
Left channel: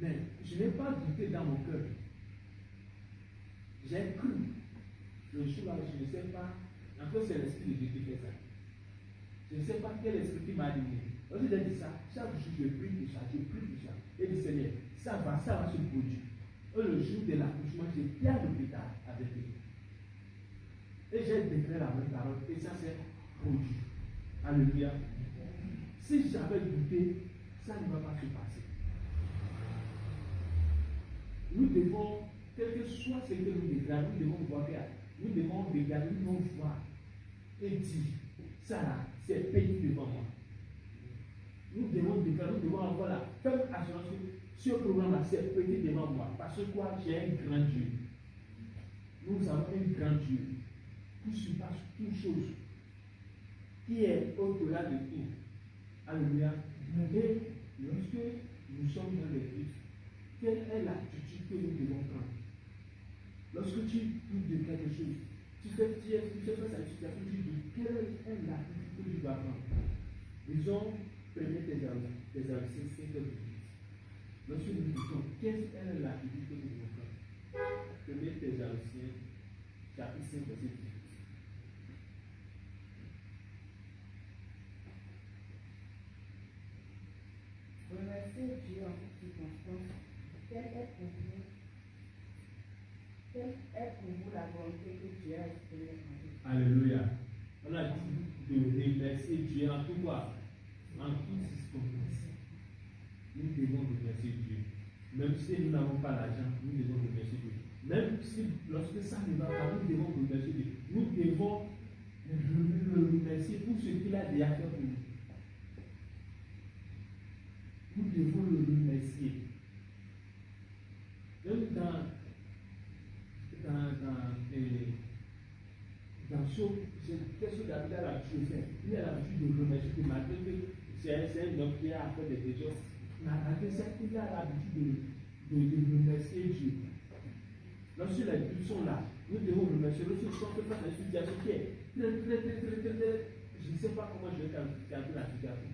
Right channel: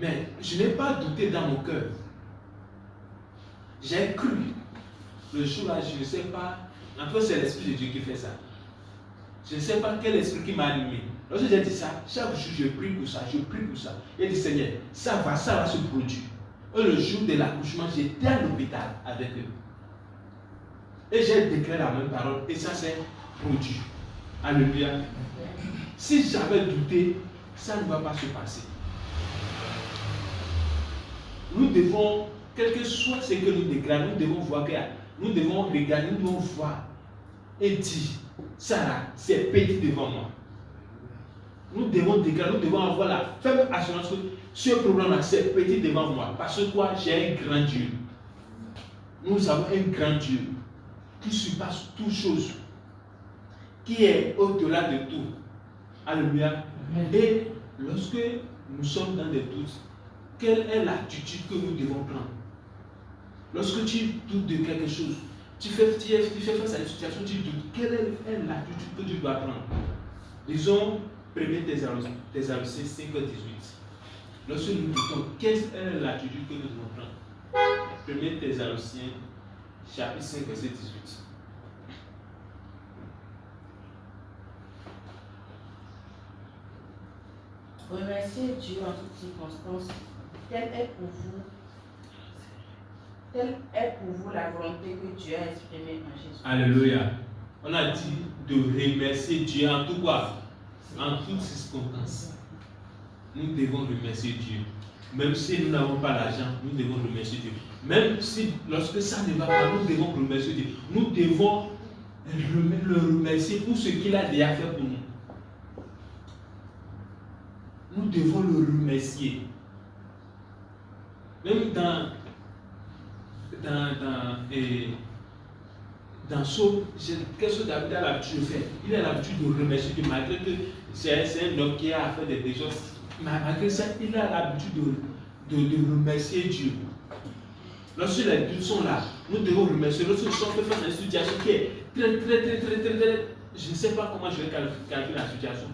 Mais je n'ai pas douté dans mon cœur. J'ai cru. Le jour-là, je ne sais pas. En fait, c'est l'Esprit de Dieu qui fait ça. Je ne sais pas quel esprit qui m'a animé. Lorsque j'ai dit ça, chaque jour, je prie pour ça, je prie pour ça. Et dit, Seigneur, ça va se produire. Et le jour de l'accouchement, j'étais à l'hôpital avec eux. Et j'ai déclaré la même parole. Et ça s'est produit. Alléluia. Si j'avais douté, ça ne va pas se passer. Nous devons, quel que soit ce que nous déclarons, nous devons voir que nous devons regarder, nous devons voir et dire, ça là, c'est petit devant moi. Nous devons déclarer, nous devons avoir la ferme assurance que ce problème-là, c'est petit devant moi. Parce que quoi, j'ai un grand Dieu. Nous avons un grand Dieu qui surpasse toutes choses, qui est au-delà de tout. Alléluia. Et lorsque nous sommes dans des doutes, quelle est l'attitude que nous devons prendre? Lorsque tu doutes de quelque chose, tu fais face à une situation, tu doutes. Quelle est l'attitude que tu dois prendre? Disons, 1 Thessaloniciens 5, 18. Lorsque nous doutons, quelle est l'attitude que nous devons prendre? 1 Thessaloniciens chapitre 5, verset 18. Remerciez Dieu en toutes circonstances. Telle est pour vous la volonté que Dieu a exprimée en Jésus. Alléluia. On a dit de remercier Dieu en tout quoi? En toutes circonstances. Nous devons remercier Dieu. Même si nous n'avons pas l'argent, nous devons remercier Dieu. Même si lorsque ça ne va pas, nous devons remercier Dieu. Nous devons le remercier pour ce qu'il a déjà fait pour nous. Nous devons le remercier. Même dans ce qu'est-ce que David a l'habitude de faire? Il a l'habitude de remercier Dieu, malgré que c'est un homme qui a fait des déjoues. Malgré ça, il a l'habitude de remercier Dieu. Lorsque les doutes sont là, nous devons remercier. Lorsque nous sommes face à une situation qui est très, je ne sais pas comment je vais calculer la situation.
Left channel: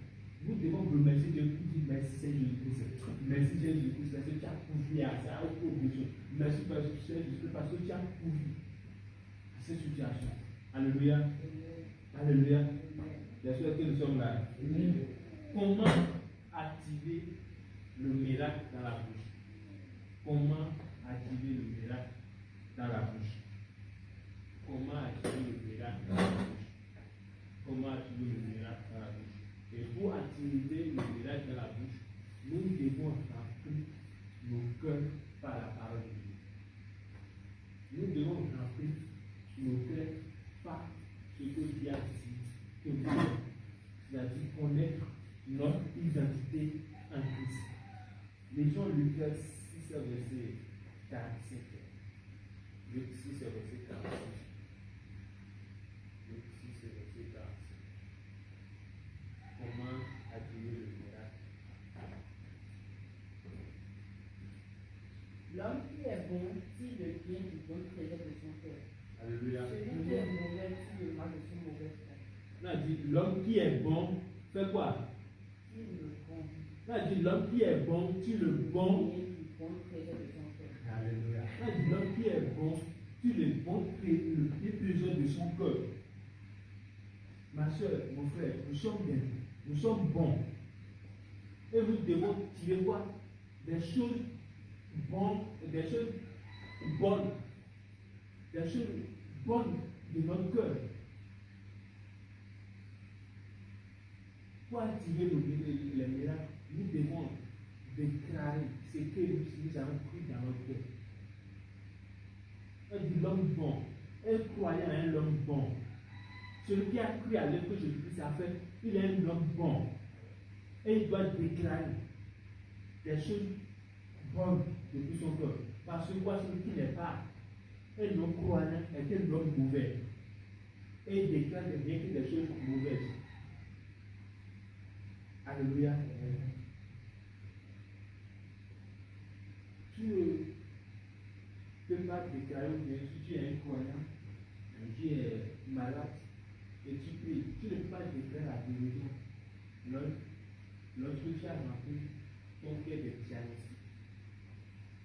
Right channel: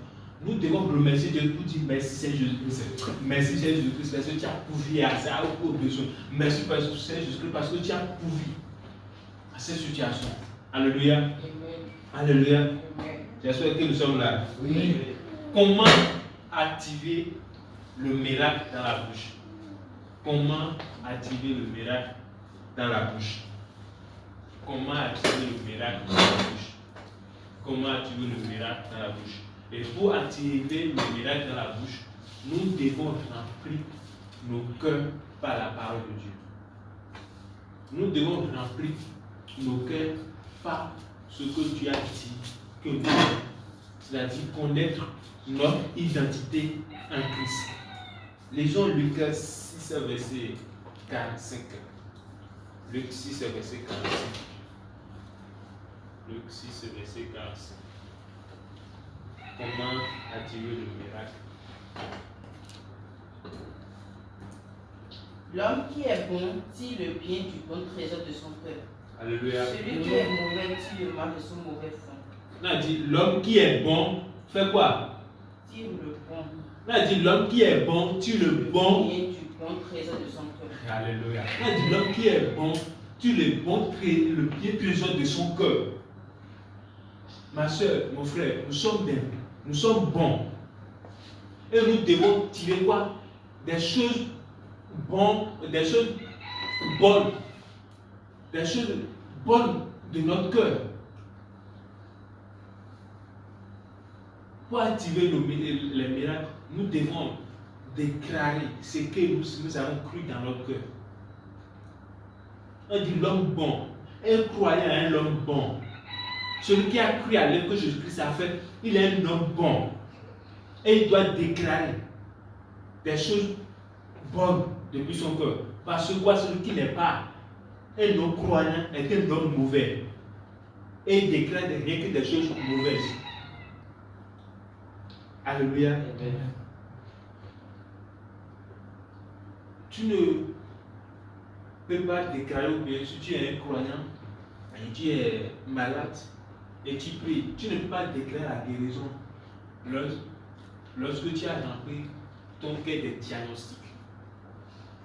Nous devons remercier Dieu pour dire merci Seigneur Jésus-Christ. Merci Seigneur Jésus-Christ parce que tu as pourvu à ça, aux besoins. Merci Seigneur Jésus-Christ parce que tu as pourvu à cette situation. Alléluia. Amen. Alléluia. Amen. J'espère que nous sommes là. Oui. Comment activer le miracle dans la bouche? Comment activer le miracle dans la bouche? Comment activer le miracle dans la bouche? Comment activer le miracle dans la bouche? Et pour activer le miracle dans la bouche, nous devons remplir nos cœurs par la parole de Dieu. Nous devons remplir nos cœurs par ce que Dieu a dit que nous devons. C'est-à-dire connaître notre identité en Christ. Lisons Luc 6, verset 45. Luc 6, verset 45. Luc 6, verset 45. Comment activer le miracle? L'homme qui est bon tire le bien du bon trésor de son cœur. Alléluia. Celui qui est mauvais tire le mal de son mauvais fond. On a dit l'homme qui est bon fait quoi? Tire le bon. On a dit l'homme qui est bon tire le bon. Bien du bon trésor de son cœur. Alléluia. On a dit l'homme qui est bon tire le bien trésor de son cœur. Ma soeur, mon frère, nous sommes bien. Nous sommes bons. Et nous devons tirer quoi? Des choses bonnes, des choses bonnes. Des choses bonnes de notre cœur. Pour activer les miracles, nous devons déclarer ce que nous avons cru dans notre cœur. On dit l'homme bon. Un croyant est un homme bon. Celui qui a cru à l'œuvre que Jésus-Christ a fait, il est un homme bon. Et il doit déclarer des choses bonnes depuis son cœur. Parce que quoi, celui qui n'est pas un homme croyant est un homme mauvais. Et il déclare rien que des choses mauvaises. Alléluia. Amen. Tu ne peux pas déclarer, ou bien si tu es un croyant et tu es malade et tu pries, tu ne peux pas déclarer la guérison lorsque tu as rempli ton cœur de diagnostic.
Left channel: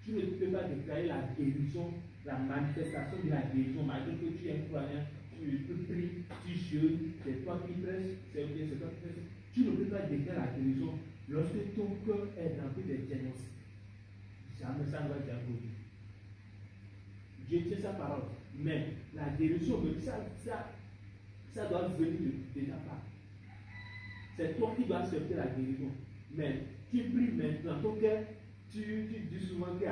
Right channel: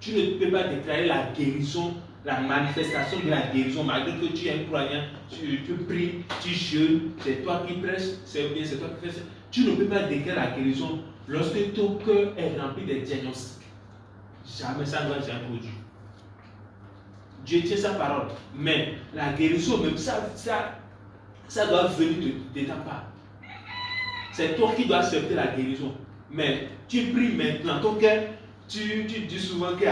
Tu ne peux pas déclarer la guérison, la manifestation de la guérison, malgré que tu es un croyant, tu pries, tu jeûnes, c'est toi qui prêches, c'est bien, c'est toi qui fais ça. Tu ne peux pas déclarer la guérison lorsque ton cœur est rempli de diagnostics. Jamais ça ne va jamais produire. Dieu tient sa parole, mais la guérison, même ça doit venir de ta part. C'est toi qui dois accepter la guérison. Mais tu pries maintenant, ton cœur, tu dis souvent que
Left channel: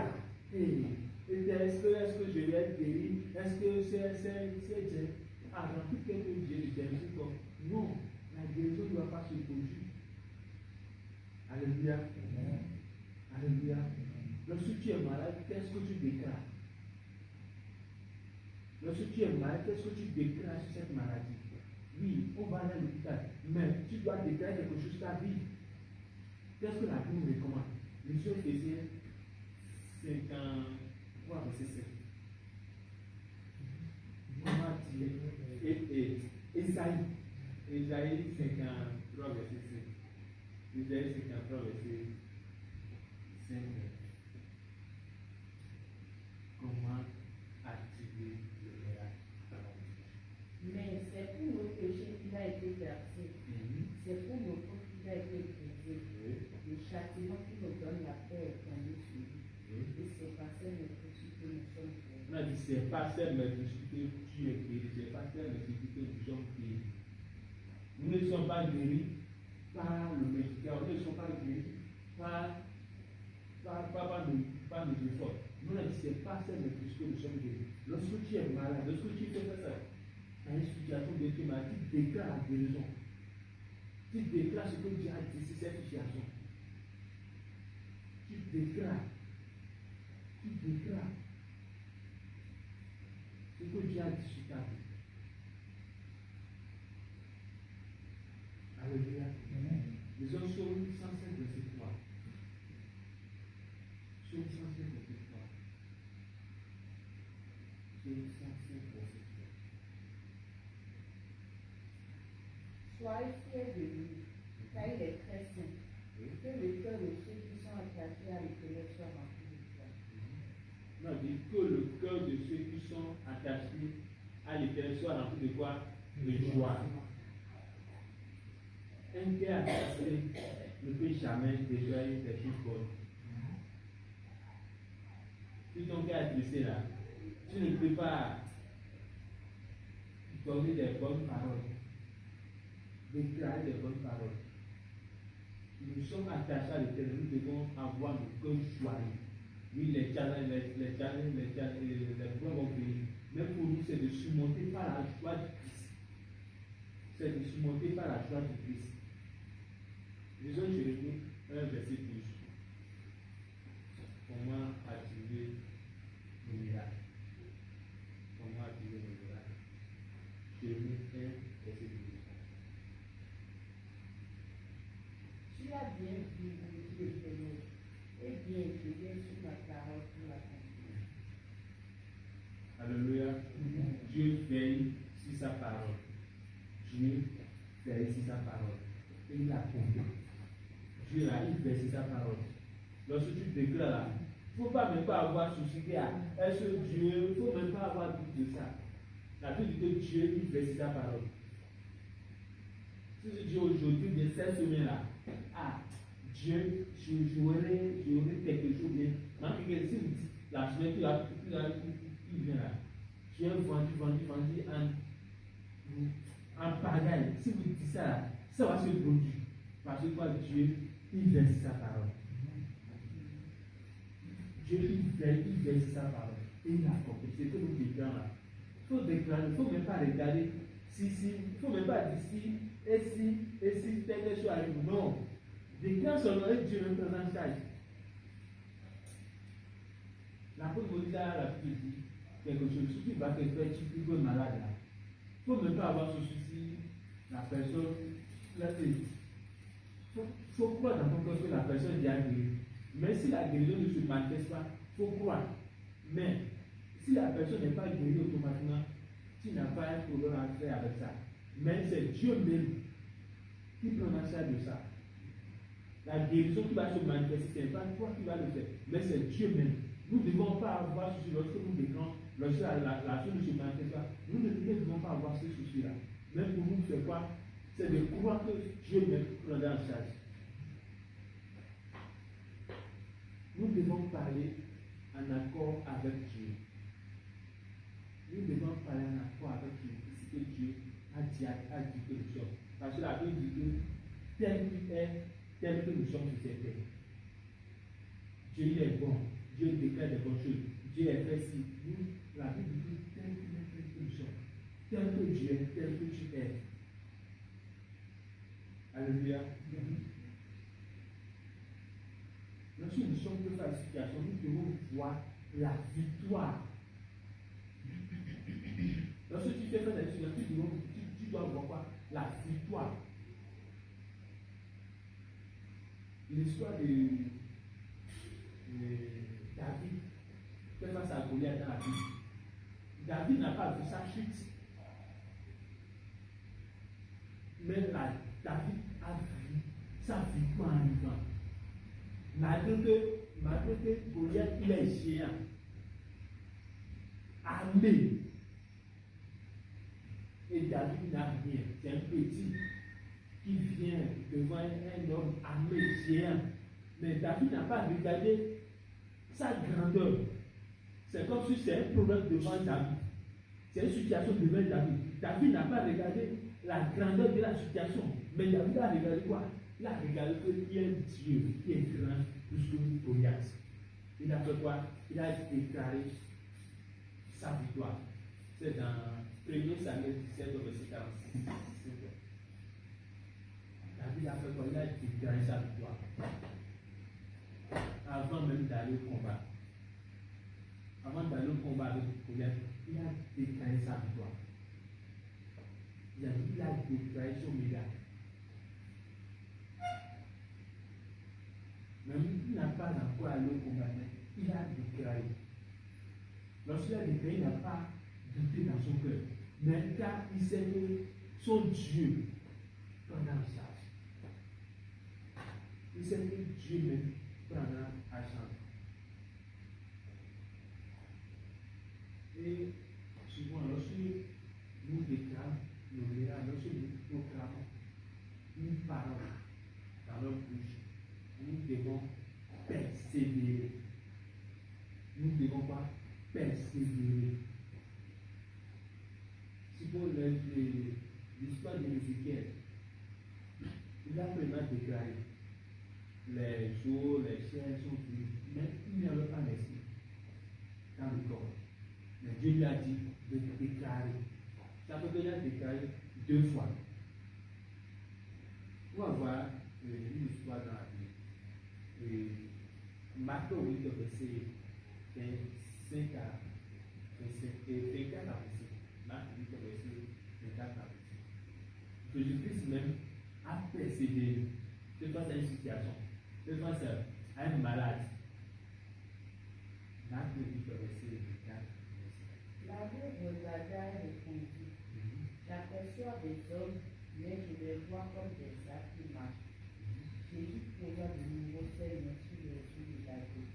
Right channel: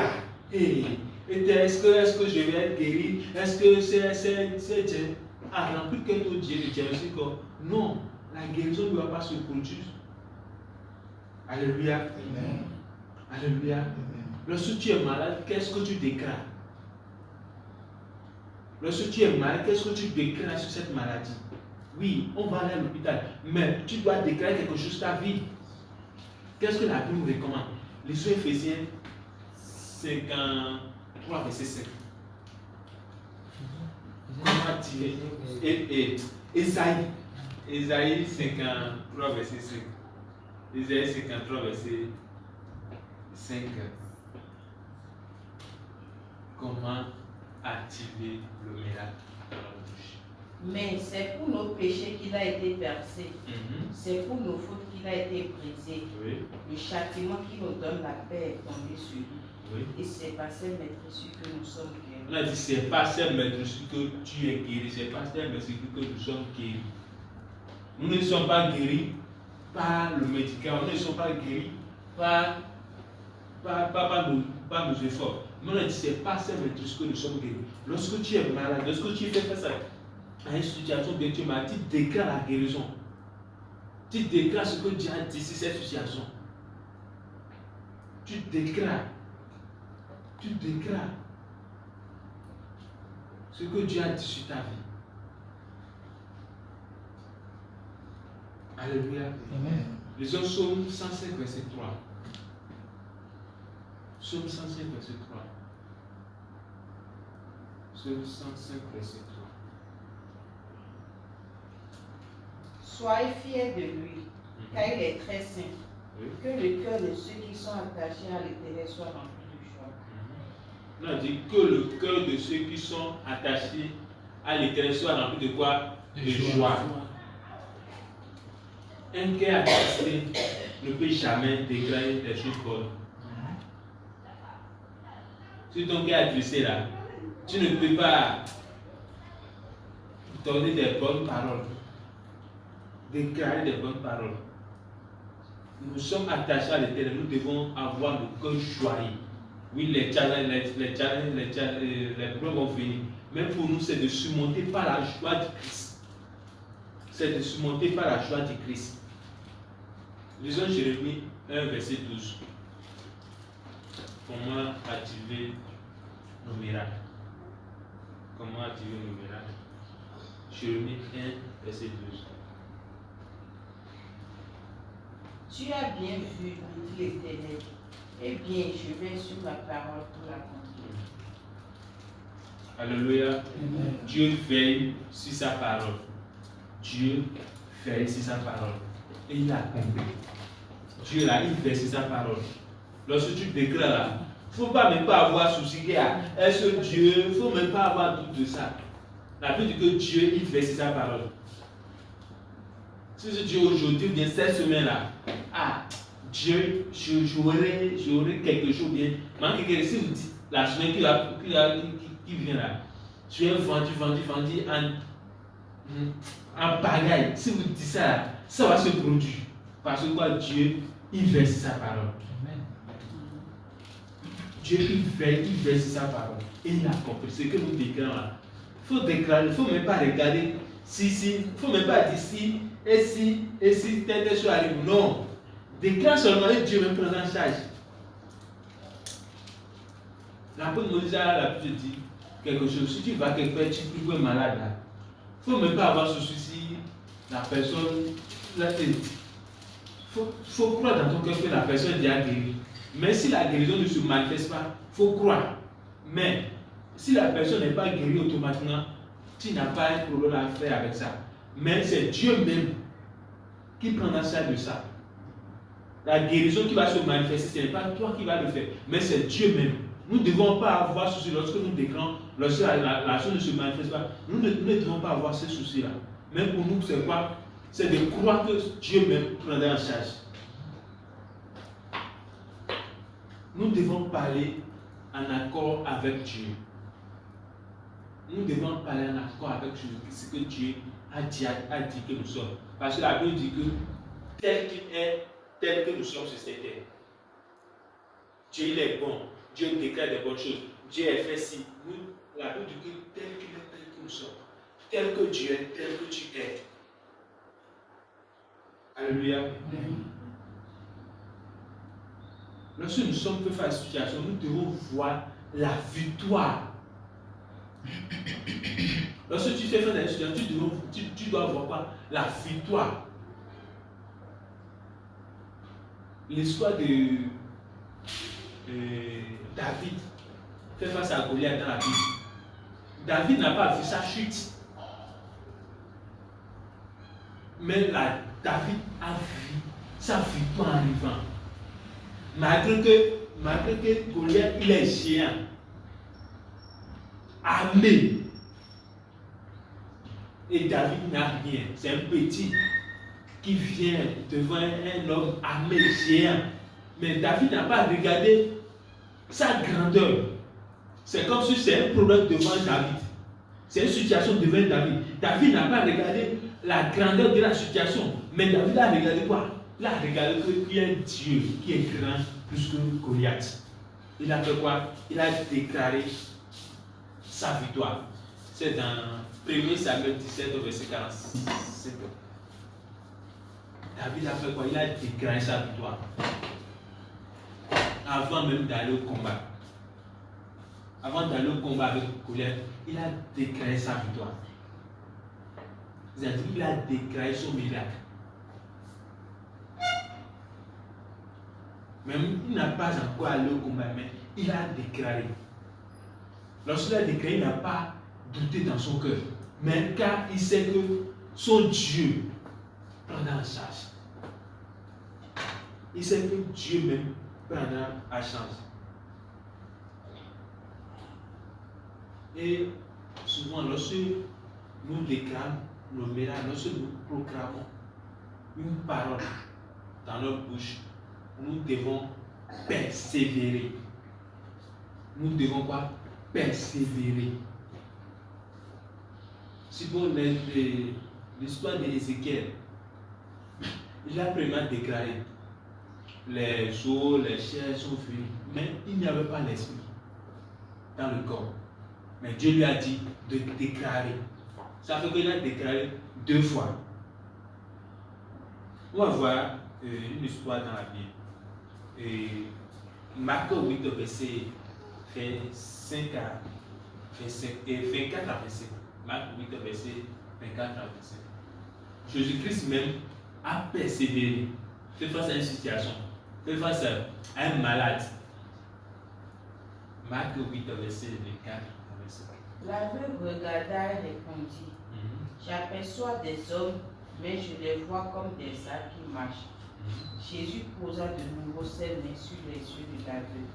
est-ce que je vais être guéri? Est-ce que c'est Dieu a rempli que ton Dieu de diagnostic? Non, la guérison ne doit pas se produire. Alléluia. Amen. Alléluia. Amen. Lorsque tu es malade, qu'est-ce que tu déclares? Lorsque tu es malade, qu'est-ce que tu déclares sur cette maladie? Oui, on va aller à l'hôpital, mais tu dois déclarer quelque chose ta vie. Qu'est-ce que la Bible nous recommande? Les Éphésiens 53, verset 5. Comment dire? Ésaïe 53, verset 5. Ésaïe 53, verset 5. Comment activer le miracle dans la bouche? Mais c'est pour nos péchés qu'il a été percé. C'est pour nos fautes qu'il a été brisé. Oui. Le châtiment qui nous donne la paix est tombé sur lui. Oui. Et c'est par ses maîtrises que nous sommes On guéris. a dit c'est pas ces maîtrises que tu es guéri, c'est pas ces maîtrises que nous sommes guéris. Nous ne sommes pas guéris par le médicament, nous ne sommes pas guéris par nos efforts. Mais on a dit c'est pas ces maîtrises que nous sommes guéris. Lorsque tu es malade, lorsque tu fais face à une situation bien, tu m'as dit, tu déclares la guérison. Tu déclares ce que Dieu a dit sur cette situation. Tu déclares. Tu déclares ce que Dieu a dit sur ta vie. Alléluia. Amen. Lisons Psaume 105, verset 3. Psaume 105, verset 3. Psaume 105, verset 3. Soyez fiers de lui, car il est très saint. Oui. Que le cœur de ceux qui sont attachés à l'Éternel soit rempli de joie. On a dit que le cœur de ceux qui sont attachés à l'Éternel soit rempli de quoi? De joie. Un cœur attristé ne peut jamais déclarer des choses bonnes. Si ton cœur est attristé là, tu ne peux pas donner des bonnes paroles, déclarer des bonnes paroles. Nous sommes attachés à l'Éternel, nous devons avoir le cœur joyeux. Oui, les challenges, les problèmes vont venir. Mais pour nous, c'est de surmonter par la joie du Christ. C'est de surmonter par la joie du Christ. Lisons Jérémie 1, verset 12. Comment activer nos miracles? Comment activer nos miracles? Jérémie 1, verset 12. Tu as bien vu, me dit l'Éternel. Eh bien, je vais sur ma parole pour l'accomplir. Alléluia. Amen. Dieu veille sur sa parole. Dieu veille sur sa parole. Et il accomplit. Dieu là, il veille sur sa parole. Lorsque tu déclares là, il ne faut pas même pas avoir souci qu'il y a. Est-ce que Dieu, il ne faut même pas avoir doute de ça. La Bible dit que Dieu, il veille sur sa parole. Si ce Dieu aujourd'hui, bien cette semaine-là, Dieu, j'aurai quelque chose bien. Mais si vous dites la semaine qui vient là, tu es vendu en bagaille. Si vous dites ça, ça va se produire. Parce que quoi, Dieu, il verse sa parole. Amen. Dieu, il veille sur sa parole. Et il a compris ce que nous déclarons là. Il faut déclarer, il ne faut même pas regarder si, il ne faut même pas dire si, et si, telle chose arrive. Non. Déclare seulement et Dieu me prend en charge. L'apôtre Moïse a l'habitude de dire quelque chose. Si tu vas quelque part, tu peux être malade là. Il ne faut même pas avoir ce souci. La personne, il faut croire dans ton cœur que la personne est déjà guérie. Mais si la guérison ne se manifeste pas, il faut croire. Mais si la personne n'est pas guérie automatiquement, tu n'as pas un problème à faire avec ça. Mais c'est Dieu même qui prendra charge de ça. La guérison qui va se manifester, ce n'est pas toi qui vas le faire, mais c'est Dieu même. Nous ne devons pas avoir ce souci lorsque nous déclarons, lorsque la chose ne se manifeste pas. Nous ne devons pas avoir ce souci-là. Mais pour nous, c'est quoi? C'est de croire que Dieu même prendra en charge. Nous devons parler en accord avec Dieu. Nous devons parler en accord avec ce que Dieu a dit que nous sommes. Parce que la Bible dit que tel qu'il est, tel que nous sommes sur cette terre. Dieu il est bon. Dieu déclare des bonnes choses. Dieu est fait si. Nous, la Bible dit que tel qu'il est, tel que nous sommes. Tel que Dieu est, tel que tu es. Alléluia. Lorsque nous sommes face à la situation, nous devons voir la victoire. Lorsque tu fais face à une situation, tu dois voir quoi? La victoire. L'histoire de David fait face à Goliath dans la Bible. David n'a pas vu sa chute. Mais David a vu sa victoire en arrivant. Malgré que Goliath il est géant, armé. Et David n'a rien. C'est un petit qui vient devant un homme armé géant. Mais David n'a pas regardé sa grandeur. C'est comme si c'est un problème devant David. C'est une situation devant David. David n'a pas regardé la grandeur de la situation. Mais David a regardé quoi? Il a regardé qu'il y a un Dieu qui est grand plus que Goliath. Il a fait quoi? Il a déclaré sa victoire. C'est dans 1 Samuel 17 au verset 46. David a fait quoi? Il a déclaré sa victoire. Avant même d'aller au combat. Avant d'aller au combat avec Goliath, il a déclaré sa victoire. C'est-à-dire qu'il a déclaré son miracle. Même il n'a pas encore allé au combat, mais il a déclaré. Lorsqu'il a déclaré, il n'a pas douté dans son cœur. Mais car il sait que son Dieu prendra en charge. Il sait que Dieu même prendra en charge. Et souvent, lorsque nous déclarons nos miracles, lorsque nous proclamons une parole dans notre bouche, nous devons persévérer. Nous devons pas persévérer. Si vous l'histoire d'Ézéchiel, il a vraiment déclaré les eaux, les chairs sont finies, mais il n'y avait pas l'esprit dans le corps. Mais Dieu lui a dit de déclarer. Ça fait qu'il a déclaré 2 fois. On va voir une histoire dans la Bible. Et Marc 8, verset 25 à 27. Marc 8, verset 24 à 27. Jésus-Christ même a persévéré. Fait face à une situation. Fait face à un malade. Marc 8, verset 24 à 27. La veuve regarda et répondit, j'aperçois des hommes, mais je les vois comme des arbres qui marchent. Jésus posa de nouveau ses mains sur les yeux de la veuve.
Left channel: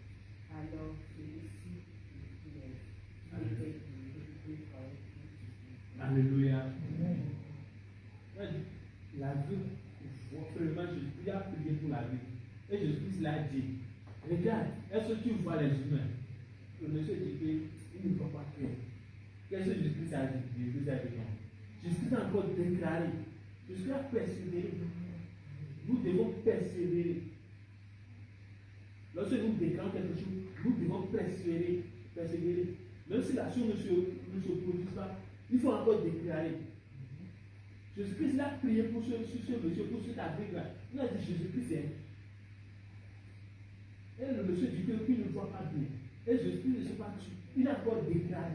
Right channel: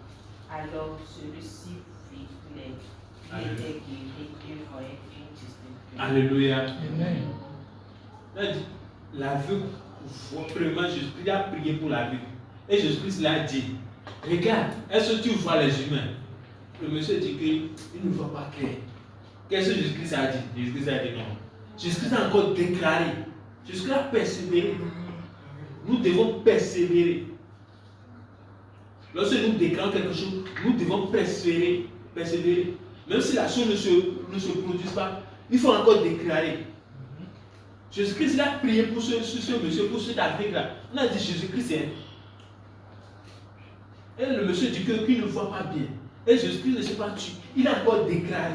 Alors celui-ci vit clair. Il était guéri et voyait une distincte. Alléluia. Amen. La veuve, vraiment, Jésus a prié pour la veuve. Et Jésus-Christ l'a dit, regarde, est-ce que tu vois les humains? Le monsieur dit qu'il ne voit pas clair. Qu'est-ce que Jésus-Christ a dit? Jésus-Christ a dit non. Jésus-Christ a encore déclaré. Jésus-Christ a persévéré. Nous devons persévérer. Lorsque nous déclarons quelque chose, nous devons persévérer. Même si la chose ne se produise pas, il faut encore déclarer. Jésus-Christ a prié pour ce monsieur, pour cet Afrique-là. On a dit Jésus-Christ est. Et le monsieur dit qu'il ne voit pas bien. Et Jésus-Christ ne s'est pas tué. Il a encore déclaré.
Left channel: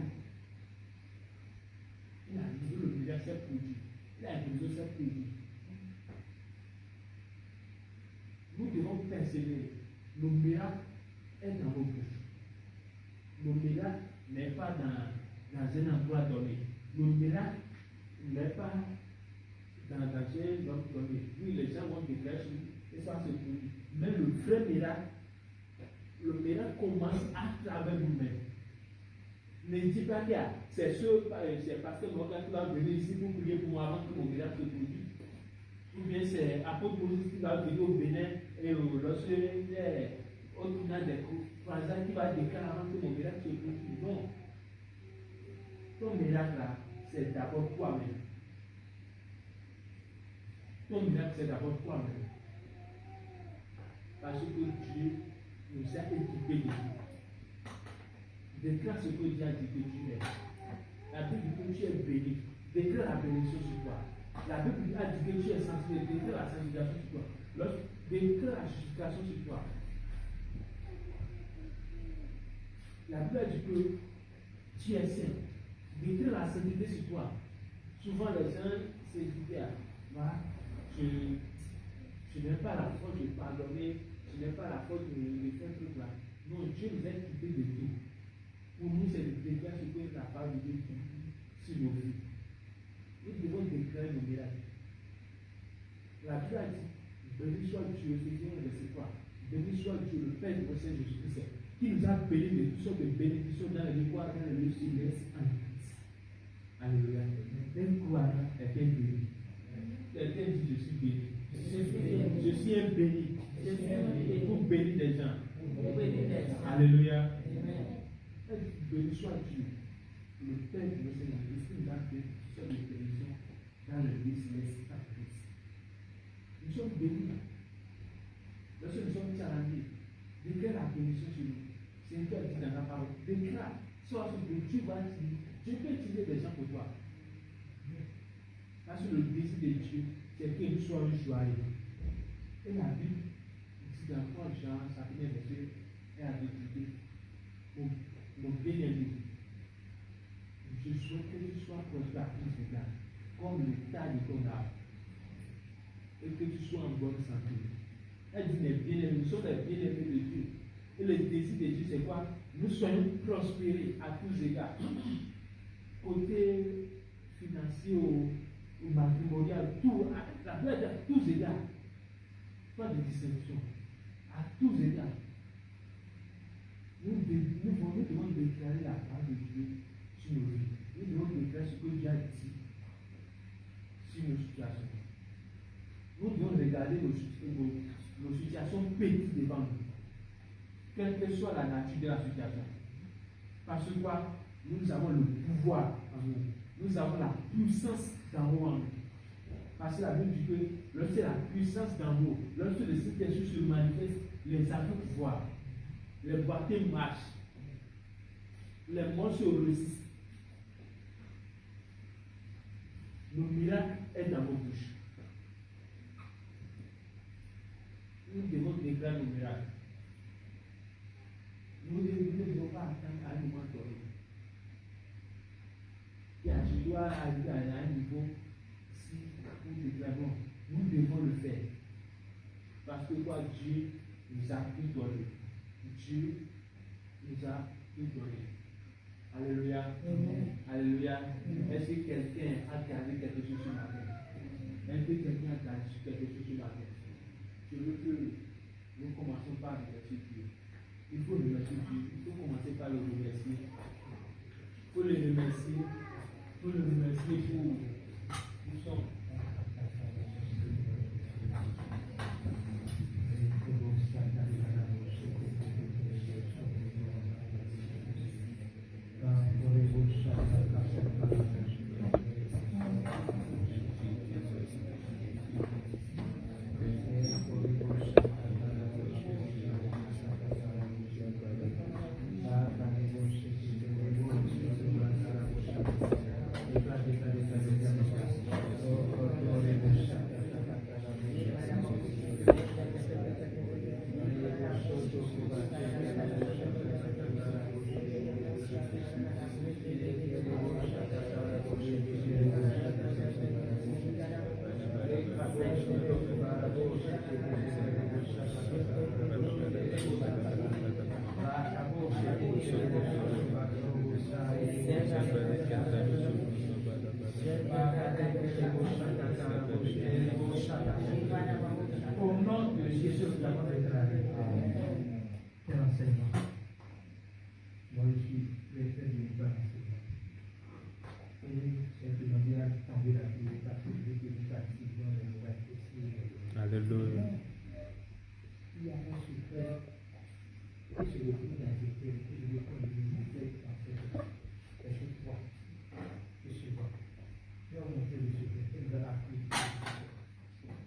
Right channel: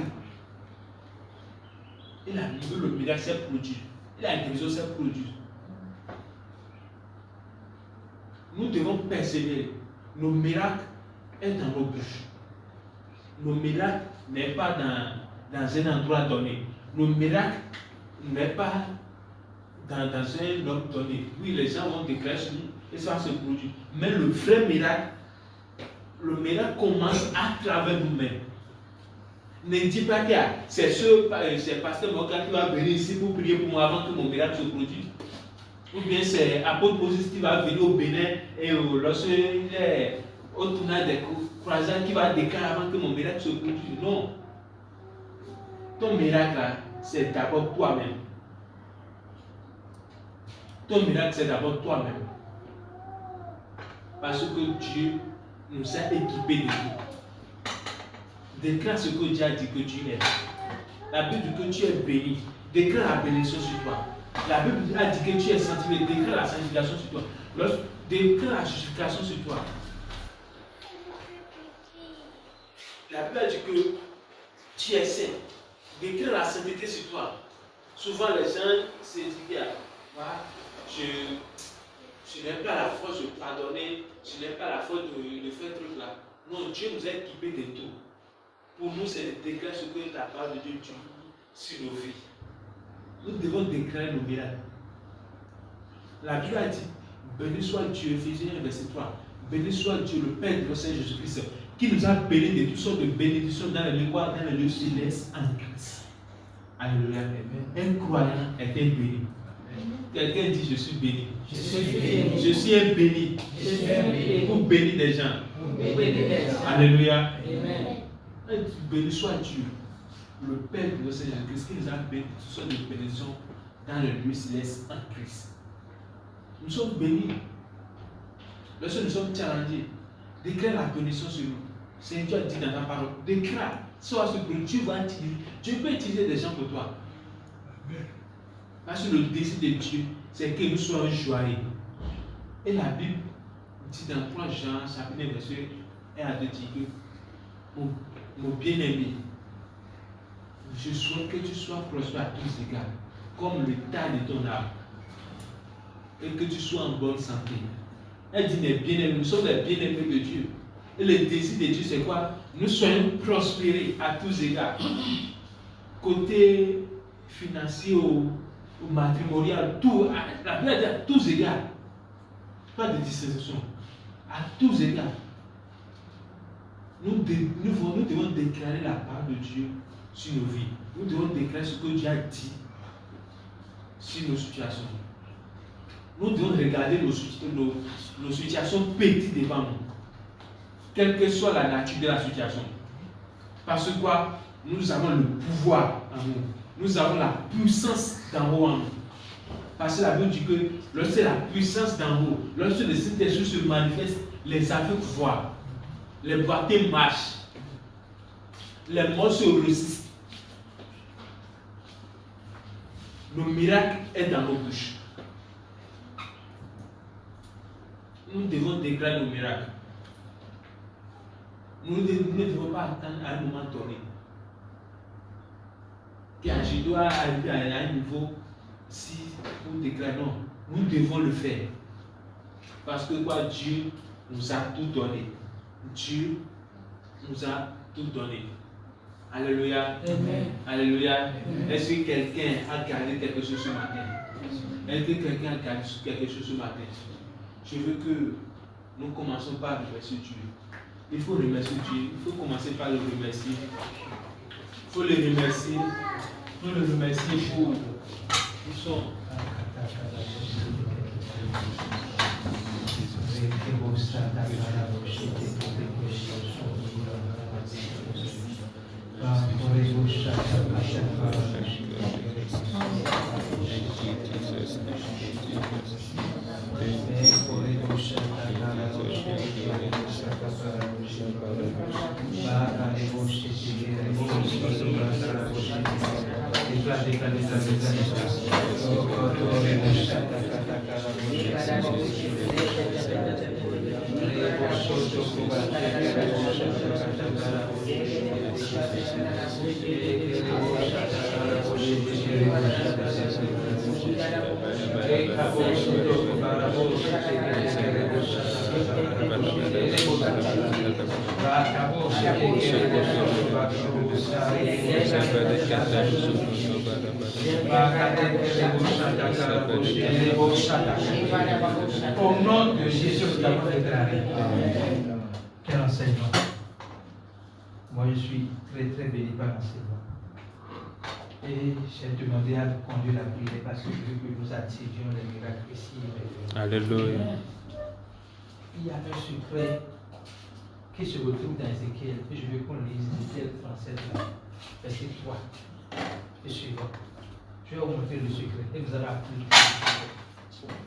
Il a vu le miracle s'est produit. Il a guérison s'est produit. Nous devons persévérer. Nos miracles sont dans nos bouches. Nos miracles n'est pas dans un endroit donné. Nos miracles n'est pas dans un autre donné. Oui, les gens vont déclarer sur nous et ça va se produire. Mais le vrai miracle, le miracle commence à travers nous-mêmes. Ne dis pas que c'est pasteur Morgan qui va venir ici pour prier pour moi avant que mon miracle se produise. Ou bien c'est apôtre Moses qui va venir au Bénin et lorsqu'il est au tournage des croisades qui va déclarer avant que mon miracle se produise. Non. Ton miracle là, c'est d'abord toi-même. Ton miracle, c'est d'abord toi-même. Parce que Dieu nous a équipés de tout. Déclare ce que Dieu a dit que tu es. La Bible dit que tu es béni. Déclare la bénédiction sur toi. La Bible a dit que tu es sanctifié. Déclare la sanctification sur toi. Déclare la justification sur toi. La Bible a dit que tu es saint. Déclare la sainteté sur toi. Souvent les gens se disent, je n'ai pas la force de pardonner, je n'ai pas la force de faire truc là. Non, Dieu nous a équipés de tout. Pour nous, c'est de déclarer ce que la parole de Dieu dit sur nos vies. Nous devons déclarer nos miracles. La Bible a dit, béni soit Dieu, Éphésiens 1, verset 3. Béni soit Dieu, le Père de notre Seigneur Jésus-Christ, qui nous a bénis de toutes sortes de bénédictions dans les lieux célestes en Christ. Alléluia. Un croyant est un béni. Quelqu'un dit, je suis béni. Je suis un béni. Pour bénir des gens. Alléluia. Béni soit Dieu, le Père de notre Seigneur Jésus-Christ, qui nous a bénis de toutes sortes de bénédictions dans le lieu céleste en Christ. Nous sommes bénis. Lorsque nous sommes challengés, déclare la bénédiction sur nous. C'est Dieu a dit dans ta parole. Déclare. Soit ce que Dieu va utiliser. Dieu peut utiliser des gens pour toi. Parce que le désir de Dieu, c'est que nous soyons joyeux. Et la Bible dit dans 3 Jean, chapitre 1, verset 1 à 2, dit que mon bien-aimé, je souhaite que tu sois prospère à tous égards, comme le tas de ton âme, et que tu sois en bonne santé. Elle dit, mes bien-aimés, nous sommes les bien-aimés de Dieu. Et le désir de Dieu, c'est quoi? Nous soyons prospérés à tous égards. Côté financier ou matrimonial, tout, la Bible dit à tous égards. Pas de distinction. À tous égards. Nous devons déclarer la parole de Dieu sur nos vies. Nous devons déclarer ce que Dieu a dit sur nos situations. Nous devons regarder nos situations petites devant nous. Quelle que soit la nature de la situation. Parce que quoi? Nous avons le pouvoir en nous. Nous avons la puissance d'en haut en nous. Parce que la Bible dit que lorsque la puissance d'en haut, lorsque le Saint-Esprit se manifeste, les aveugles voient, les boiteux marchent, les morts se résistent. Le miracle est dans nos bouches. Nous devons déclarer nos miracles. Nous ne devons pas attendre à un moment donné. Car je dois arriver à un niveau si nous déclarons, nous devons le faire. Parce que quoi, Dieu nous a tout donné. Dieu nous a tout donné. Alléluia. Amen. Alléluia. Est-ce que quelqu'un a gardé quelque chose ce matin? Est-ce que quelqu'un a gardé quelque chose ce matin? Je veux que nous commençons par remercier Dieu. Il faut remercier Dieu. Il faut commencer par le remercier. Il faut le remercier. Il faut le remercier pour son. Au nom de Jésus, nous avons déclaré. Quel enseignement. Moi, je suis très très béni par l'enseignement. Et j'ai demandé à conduire la prière parce que je veux que nous attivions les miracles ici. Alléluia. Il y a un secret qui se retrouve dans Ézéchiel. Et je veux qu'on lise Ézéchiel 37, verset 3 et suivant. Je vais vous montrer le secret et vous allez appliquer le secret.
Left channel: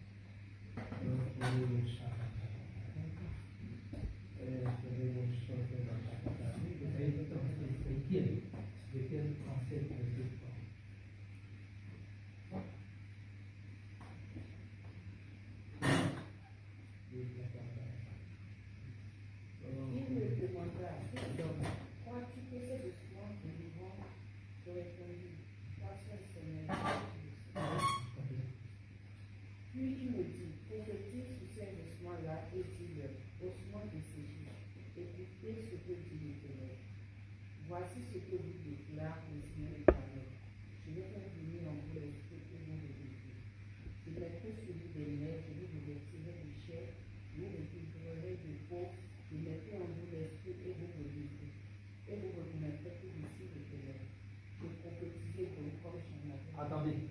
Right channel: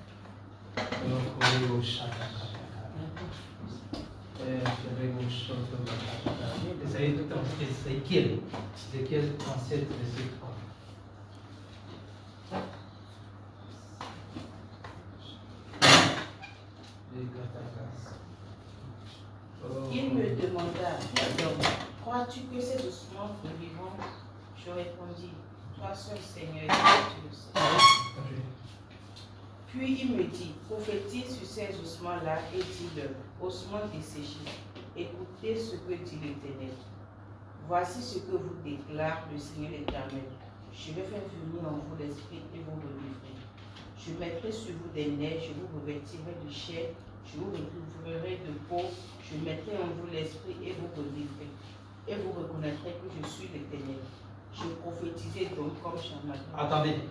Ézéchiel 37, verset 3. Il me demanda, crois-tu que ces ossements vivront? Je répondis, toi seul Seigneur, tu le sais. Puis il me dit, prophétise sur ces ossements-là et dis-leur, ossements desséchés, écoutez ce que dit l'Éternel. Voici ce que vous déclare le Seigneur l'Éternel. Je vais faire venir en vous l'esprit et vous relèverez. Je mettrai sur vous des neiges, je vous revêtirai de chair, je vous recouvrirai de peau, je mettrai en vous l'esprit et vous relèverez. Et vous reconnaîtrez que je suis l'Éternel. Je prophétisais donc comme Shammah. Attendez.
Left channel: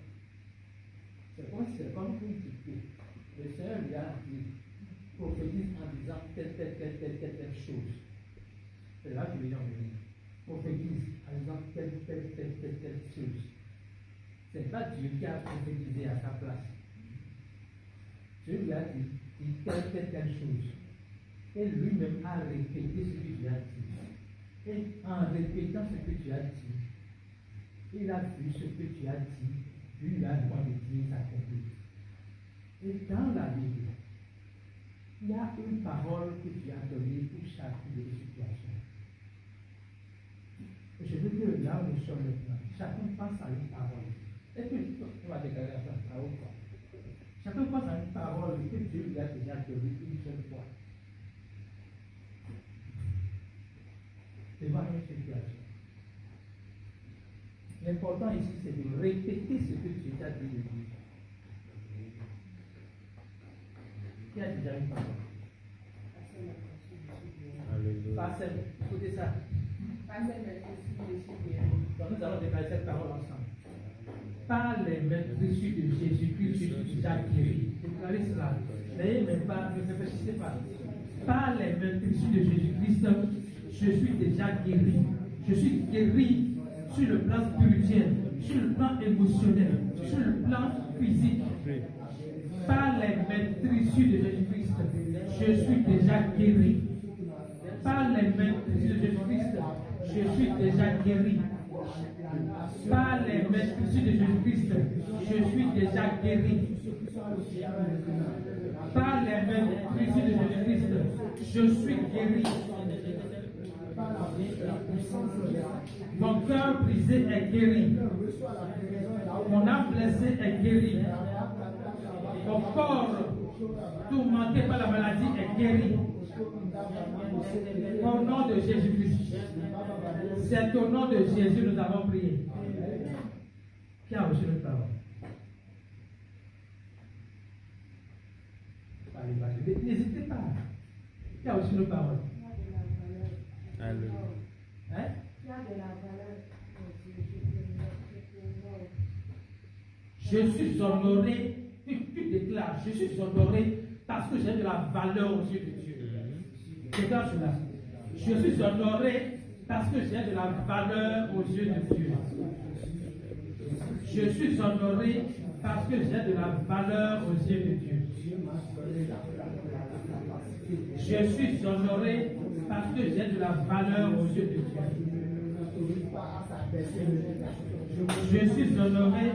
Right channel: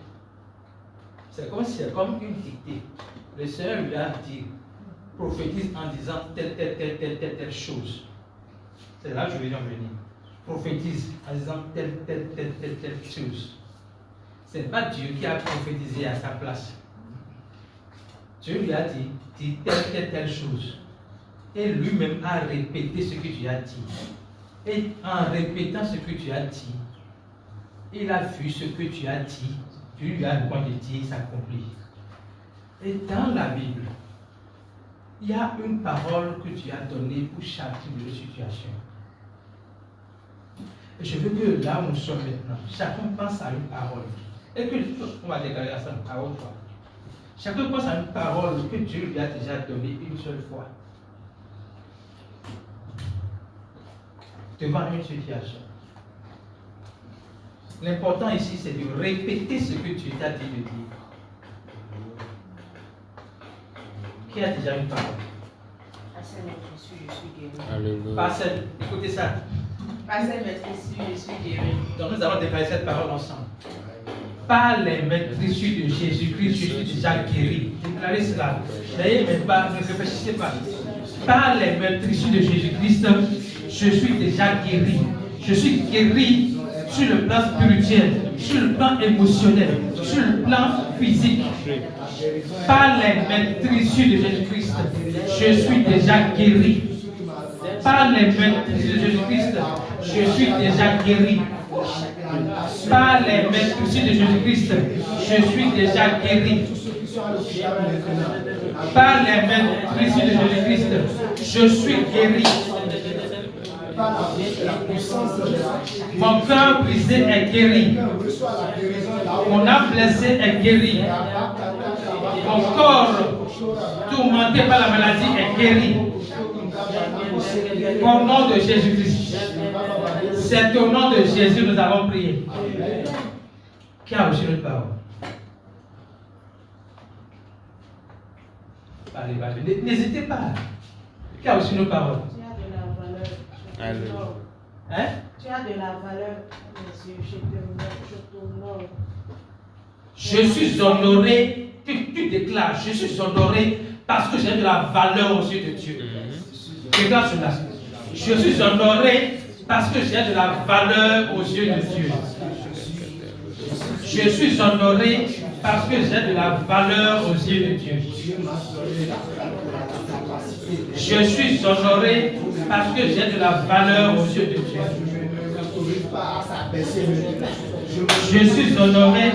C'est comme une dictée. Le Seigneur lui a dit, prophétise en disant telle chose. C'est là que je vais en venir. Prophétise en disant telle chose. Ce n'est pas Dieu qui a prophétisé à sa place. Dieu lui a dit telle chose. Et lui-même a répété ce que Dieu a dit. Et en répétant ce que Dieu a dit, il a vu ce que Dieu a dit. Dieu lui a demandé de dire, s'accomplit. Et dans la Bible, il y a une parole que Dieu a donnée pour chaque type de situation. Et je veux que là où nous sommes maintenant, chacun pense à une parole. Et que on va déclarer ensemble à haute voix. Chacun pense à une parole que Dieu lui a déjà donnée une seule fois. Devant une situation. L'important ici, c'est de répéter ce que Dieu t'a dit de dire. Qui a déjà une parole? Je suis guéri. Alléluia. Pas celle. Écoutez ça. Pas celle, mais je suis guéri. Donc nous allons déclarer cette parole ensemble. Par les maîtres issus de Jésus-Christ, je suis déjà guéri. Déclarez cela. N'ayez même pas, ne réfléchissez pas. Par les maîtres issus de Jésus-Christ, je suis déjà guéri. Je suis guéri sur le plan spirituel, sur le plan émotionnel, sur le plan physique. Par les maîtres issus de Jésus-Christ, je suis déjà guéri. Par les maîtres issus de Jésus-Christ, je suis déjà guéri. Par les maîtres issus de Jésus-Christ, je suis déjà guéri. Par les maîtres issus de Jésus-Christ, je suis guéri. Mon cœur brisé est guéri. Mon âme blessée est guérie. Mon corps tourmenté par la maladie est guéri. Au nom de Jésus-Christ. C'est au nom de Jésus que nous avons prié. Qui a reçu notre parole? Allez, n'hésitez pas. Qui a reçu nos paroles? Tu as de la valeur. Hein? Tu as de la valeur, monsieur. Je t'honore. Je suis honoré. Tu déclares, je suis honoré parce que j'ai de la valeur aux yeux de Dieu. Déclare cela. Je suis honoré parce que j'ai de la valeur aux yeux de Dieu. Je suis honoré parce que j'ai de la valeur aux yeux de Dieu. Je suis honoré parce que j'ai de la valeur aux yeux de Dieu. Je suis honoré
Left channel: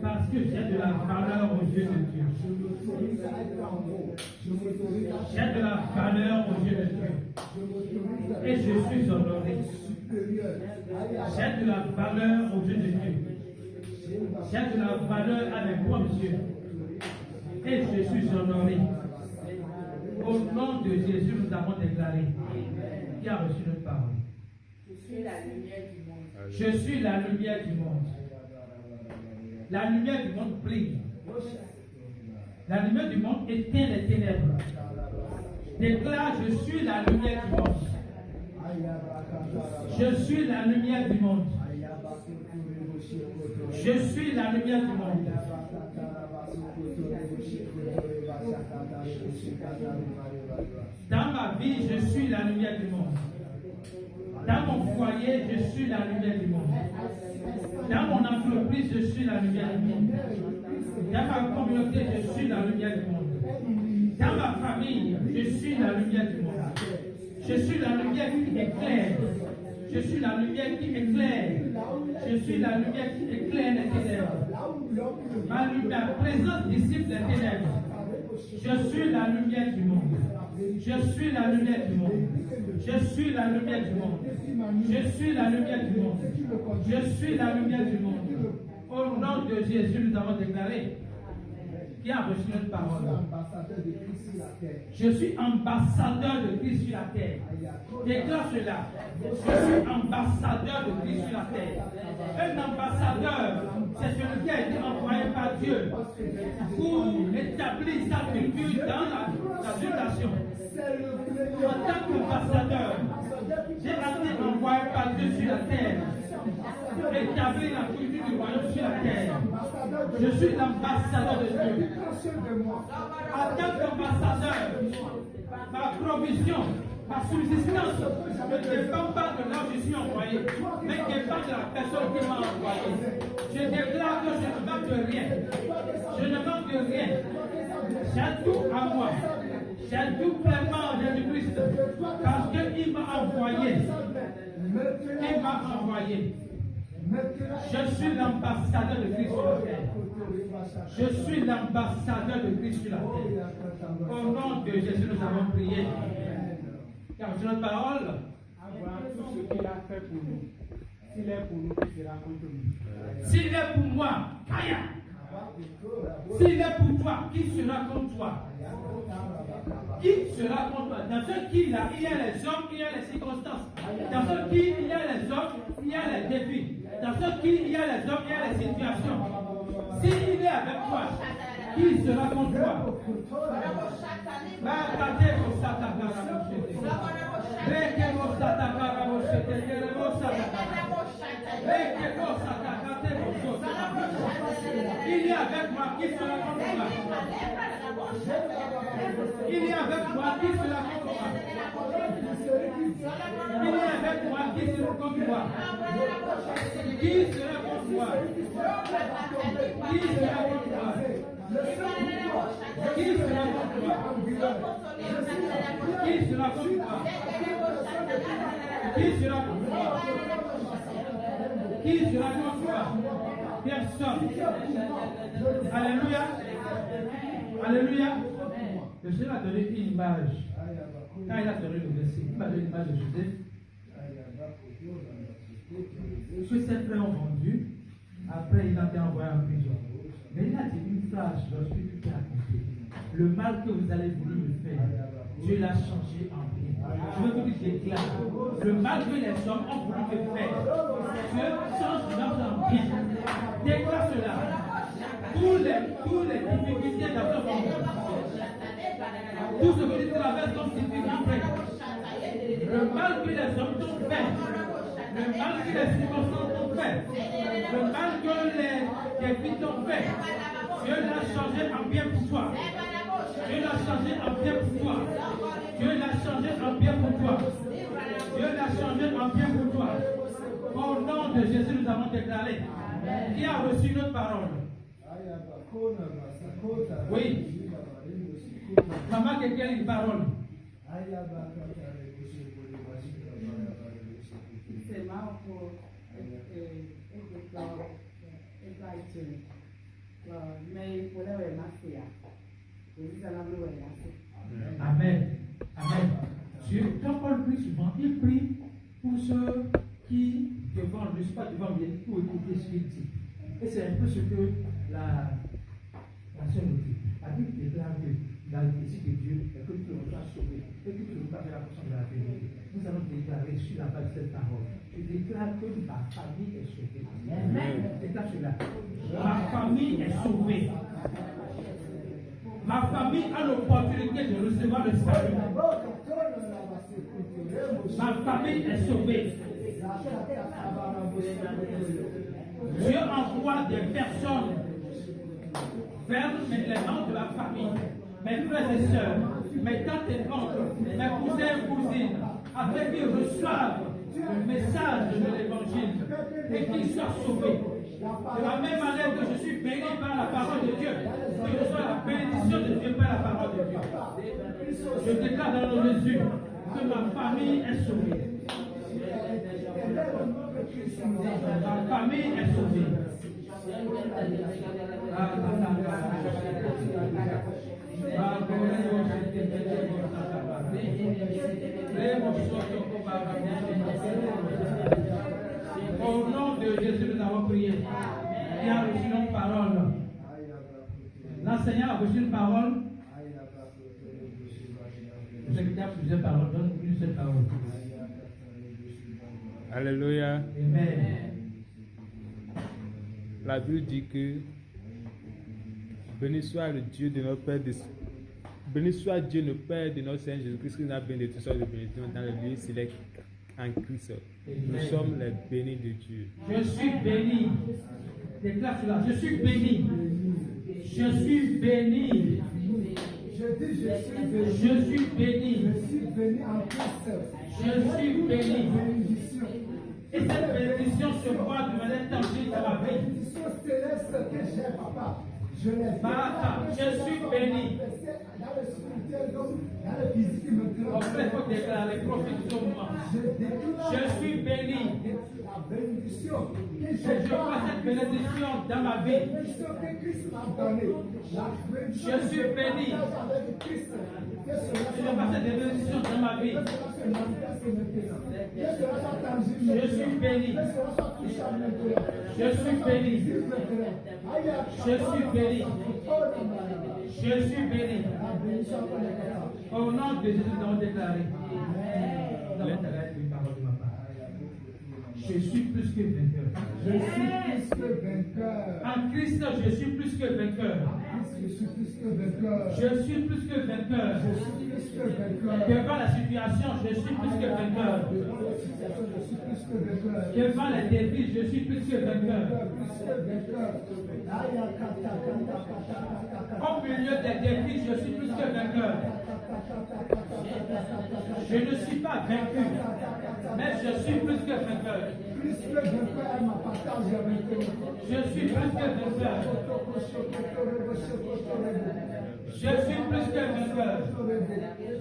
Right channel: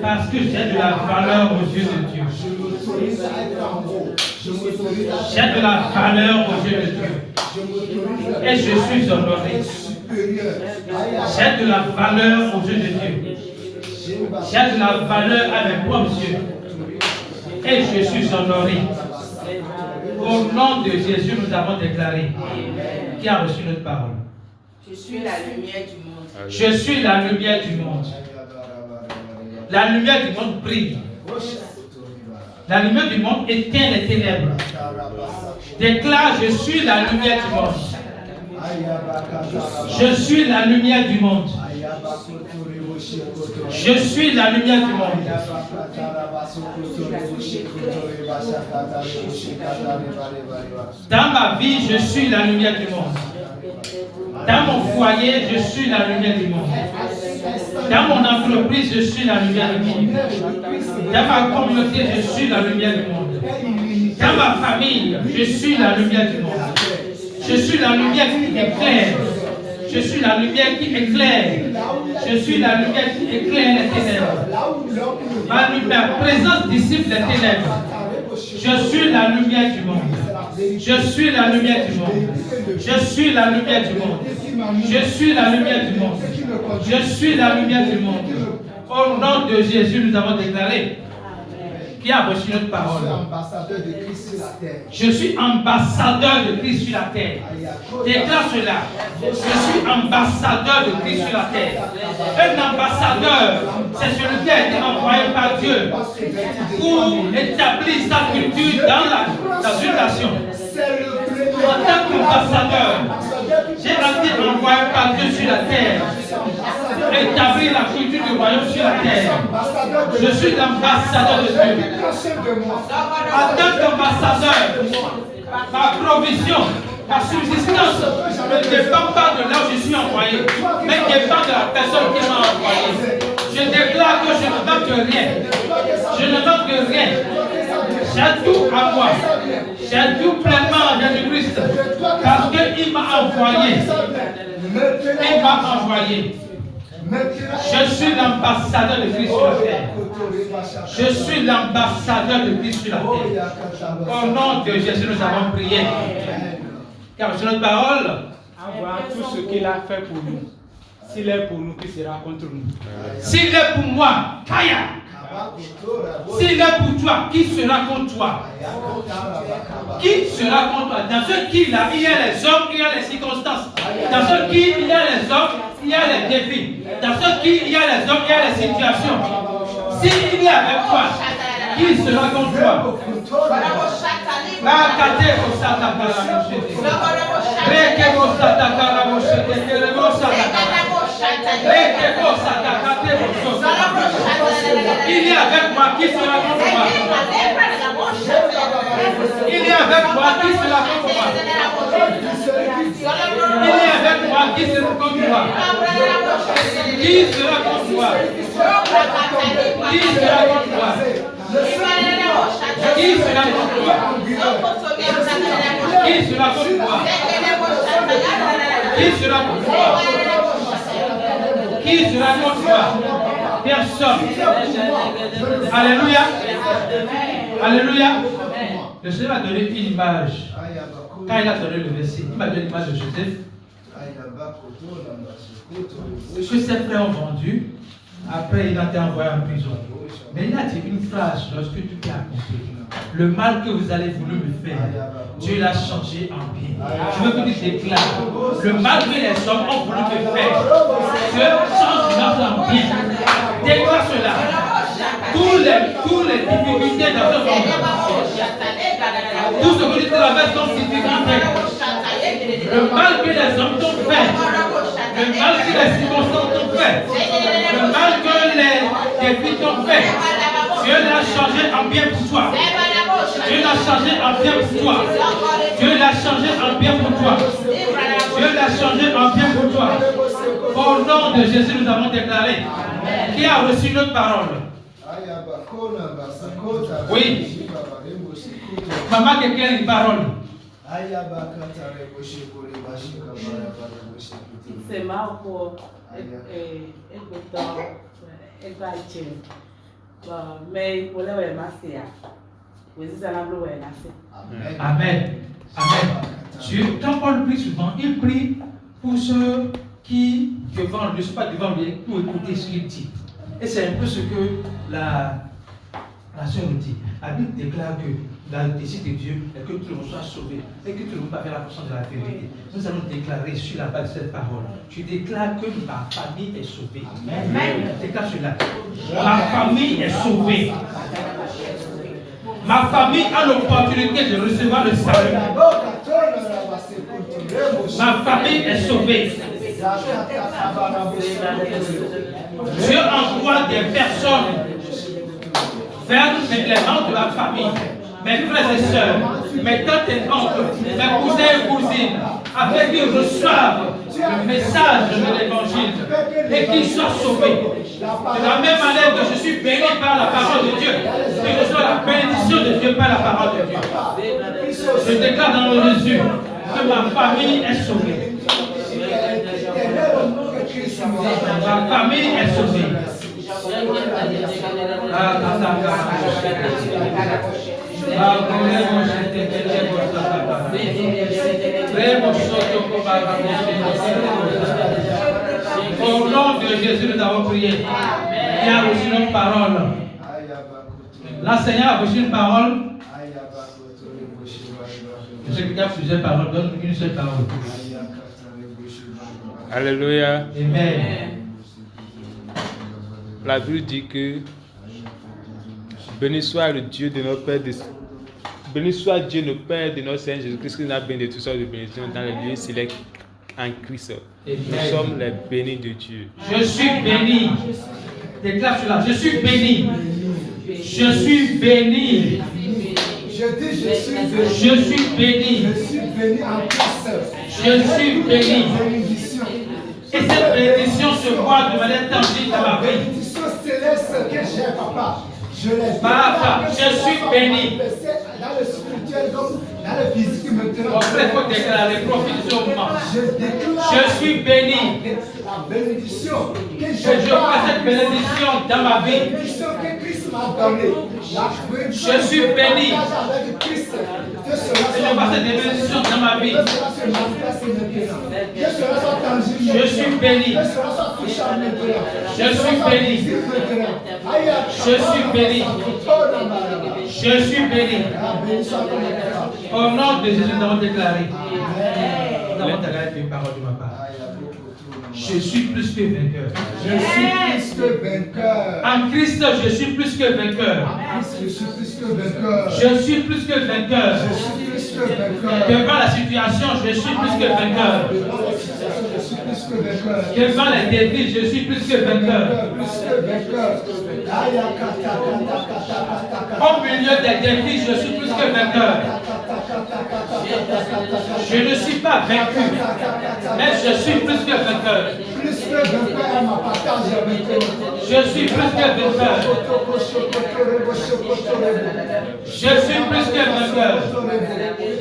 parce que j'ai de la valeur aux yeux de Dieu. J'ai de la valeur aux yeux de Dieu. Et je suis honoré. J'ai de la valeur aux yeux de Dieu. J'ai de la valeur à mes propres yeux. Et je suis honoré. Au nom de Jésus, nous avons déclaré. Qui a reçu notre parole? Je suis la lumière du monde. Je suis la lumière du monde. La lumière du monde brille. La lumière du monde éteint les ténèbres. Déclare, je suis la lumière du monde. Je suis la lumière du monde. Je suis la lumière du monde. Dans ma vie, je suis la lumière du monde. Dans mon foyer, je suis la lumière du monde. Dans mon entreprise, je suis la lumière du monde. Dans ma communauté, je suis la lumière du monde. Dans ma famille, je suis la lumière du monde. Je suis la lumière qui éclaire. Je suis la lumière qui éclaire. Je suis la lumière qui éclaire les ténèbres. Ma présence dissipe les ténèbres. Je suis la lumière du monde. Je suis la lumière du monde. Je suis la lumière du monde. Je suis la lumière du monde. Je suis la lumière du monde. Au nom de Jésus, nous avons déclaré. Qui a reçu notre parole? Je suis ambassadeur de Christ sur la terre. Déclare cela. Je suis ambassadeur de Christ sur la terre. Un ambassadeur, c'est celui qui a été envoyé par Dieu pour établir sa culture dans une nation. En tant qu'ambassadeur, j'ai été envoyé par Dieu sur la terre. Établir la culture du royaume sur la terre. Je suis l'ambassadeur de Dieu. En tant qu'ambassadeur, ma provision, ma subsistance ne dépend pas de là où je suis envoyé, mais dépend de la personne qui m'a envoyé. Je déclare que je ne manque rien. Je ne manque rien. J'ai tout à moi. J'ai tout pleinement en Jésus-Christ. Parce qu'il m'a envoyé. Il m'a envoyé. Je suis l'ambassadeur de Christ sur la terre. Je suis l'ambassadeur de Christ sur la terre. Au nom de Jésus, nous avons prié. Car c'est notre parole. Avoir tout ce qu'il a fait pour nous. S'il est pour nous, qui sera contre nous? S'il est pour moi, Kaya. S'il est pour toi, qui sera contre toi? Qui sera contre toi? Dans ce qui là, il y a les hommes, il y a les circonstances. Dans ce qui, il y a les hommes, il y a les défis. Dans ce qui, il y a les hommes, il y a les situations. S'il est avec toi, qui sera contre toi? Il est avec moi, qui sera contre moi? Il est avec moi, qui sera contre moi? Il est avec moi, qui sera contre moi? Qui sera contre moi? Qui sera contre moi? Qui sera contre moi? Qui sera contre moi? Qui sera contre moi? Qui sera contre moi? Personne. Alléluia. Alléluia. Le Seigneur m'a donné une image. Quand il a donné le verset, il m'a donné l'image de Joseph. Ce que ses frères ont vendu, après il a été envoyé en prison. Mais il a dit une phrase lorsque tout est accompli. Le mal que vous avez voulu me faire, Dieu l'a changé en bien. Je veux que tu déclares. Le mal que les hommes ont voulu me faire, Dieu change en bien. Déclare cela. Toutes les difficultés dans ce monde, tout ce que tu traverses comme difficulté, le mal que les hommes t'ont fait, le mal que les circonstances t'ont fait, le mal que les défis t'ont fait, Dieu l'a changé en bien pour toi. Dieu l'a changé en bien pour toi. Dieu l'a changé en bien pour toi. Dieu l'a changé en bien pour toi. Au nom de Jésus, nous avons déclaré. Qui a reçu notre parole? Oui. Maman, quelqu'un a une parole. C'est Marco mais pour le masser, vous êtes à la bleu et masser. Amen. Amen. Dieu, quand Paul prie souvent, il prie pour ceux qui, devant, ne sont pas devant lui, pour écouter ce qu'il dit. Et c'est un peu ce que la sœur nous dit. La Bible déclare que le désir de Dieu est que tout le monde soit sauvé et que tout le monde va faire la portion de la vérité. Nous allons déclarer sur la base de cette parole. Tu déclares que ma famille est sauvée. Amen. Déclare cela. Ma famille est sauvée. Ma famille a l'opportunité de recevoir le salut. Ma famille est sauvée. Dieu envoie des personnes vers les membres de la famille, mes frères et sœurs, mes tantes et oncles, mes cousins et cousines, afin qu'ils reçoivent le message de l'évangile et qu'ils soient sauvés. De la même manière que je suis béni par la parole de Dieu, je reçois la bénédiction de Dieu par la parole de Dieu. Je déclare dans le nom de Jésus que ma famille est sauvée. Ma famille est sauvée. Au nom de Jésus, nous avons prié. Il a reçu notre parole. L'enseignant a reçu une parole. Je sais qu'il y a plusieurs paroles, donne une seule parole. Alléluia. Amen. La Bible dit que béni soit le Dieu de notre Père, béni soit Dieu, notre Père de notre Seigneur Jésus-Christ, qui nous a béni de toutes sortes de bénédictions dans les lieux sélects en Christ. Nous sommes les bénis de Dieu. Je suis béni. Déclare cela. Je suis béni. Je suis béni. Je suis béni. Je suis béni en Christ. Je suis béni. Et cette bénédiction se voit de manière tangible dans ma vie. Bénédiction céleste que j'ai, papa. Je l'ai. Papa, je suis béni. Dans le spirituel comme dans le physique maintenant. Mon frère, il faut déclarer, profite au moment. Je déclare. Je suis béni. La bénédiction que Je vois cette bénédiction dans ma vie. La bénédiction que Christ m'a donnée. Je suis béni. Avec Christ. Que cela Je vois cette bénédiction dans ma vie. Que cela se manifeste maintenant. Que cela soit tangible. Je suis béni. Que cela soit touchant maintenant. Je suis béni. Je suis béni. Je suis béni. Au nom de Jésus, nous avons déclaré. Nous avons déclaré une parole de ma part. Je suis plus que vainqueur. Je suis plus que vainqueur. En Christ, je suis plus que vainqueur. Je suis plus que vainqueur. Je suis plus que vainqueur. Je suis plus que vainqueur. Devant la situation, je suis plus que vainqueur. Je suis plus que vainqueur. Devant les défis, je suis plus que vainqueur. Plus que vainqueur. Au milieu des défis, je suis plus que vainqueur. Je ne suis pas vaincu, mais je suis plus que vainqueur. Plus que vainqueur, ma partage avec Je suis plus que vainqueur. Je suis plus que vainqueur.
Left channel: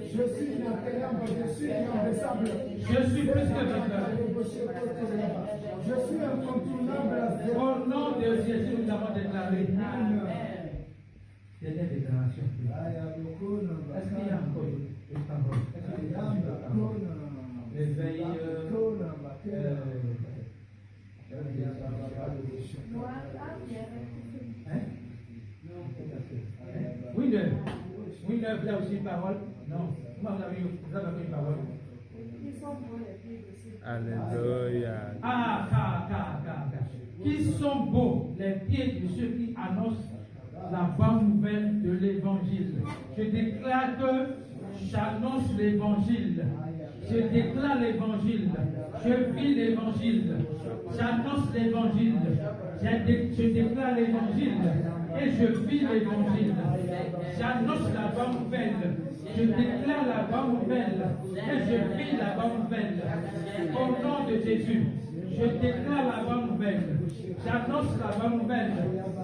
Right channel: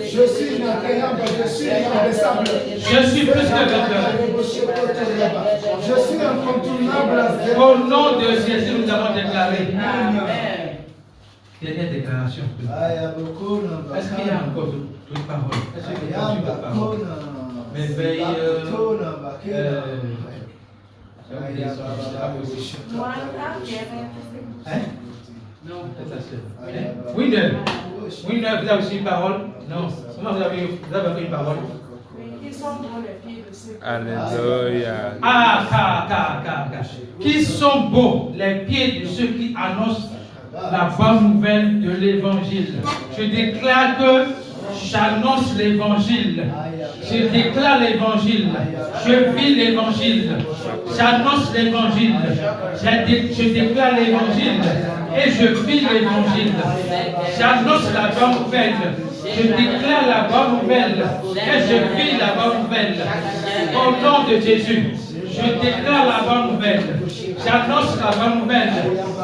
Je suis inatteignable, je suis inabaissable. Je suis plus que vainqueur. Je suis incontournable. Au nom de Jésus, nous avons déclaré. Dernière déclaration. Est-ce qu'il y a encore d'autres paroles? Est-ce qu'il y a d'autres paroles? Mais veille. Non, Winner, vous avez aussi une parole? Non. Comment vous avez une parole? Ils sont dans les pieds de ceux. Alléluia. Qui sont beaux les pieds de ceux qui annoncent la bonne nouvelle de l'évangile. Je déclare que j'annonce l'évangile. Je déclare l'évangile. Je vis l'évangile. J'annonce l'évangile. Je déclare l'évangile. Et je vis l'évangile. J'annonce la bonne nouvelle. Je déclare la bonne nouvelle. Et je vis la bonne nouvelle. Au nom de Jésus, Je déclare la bonne nouvelle. J'annonce la bonne nouvelle.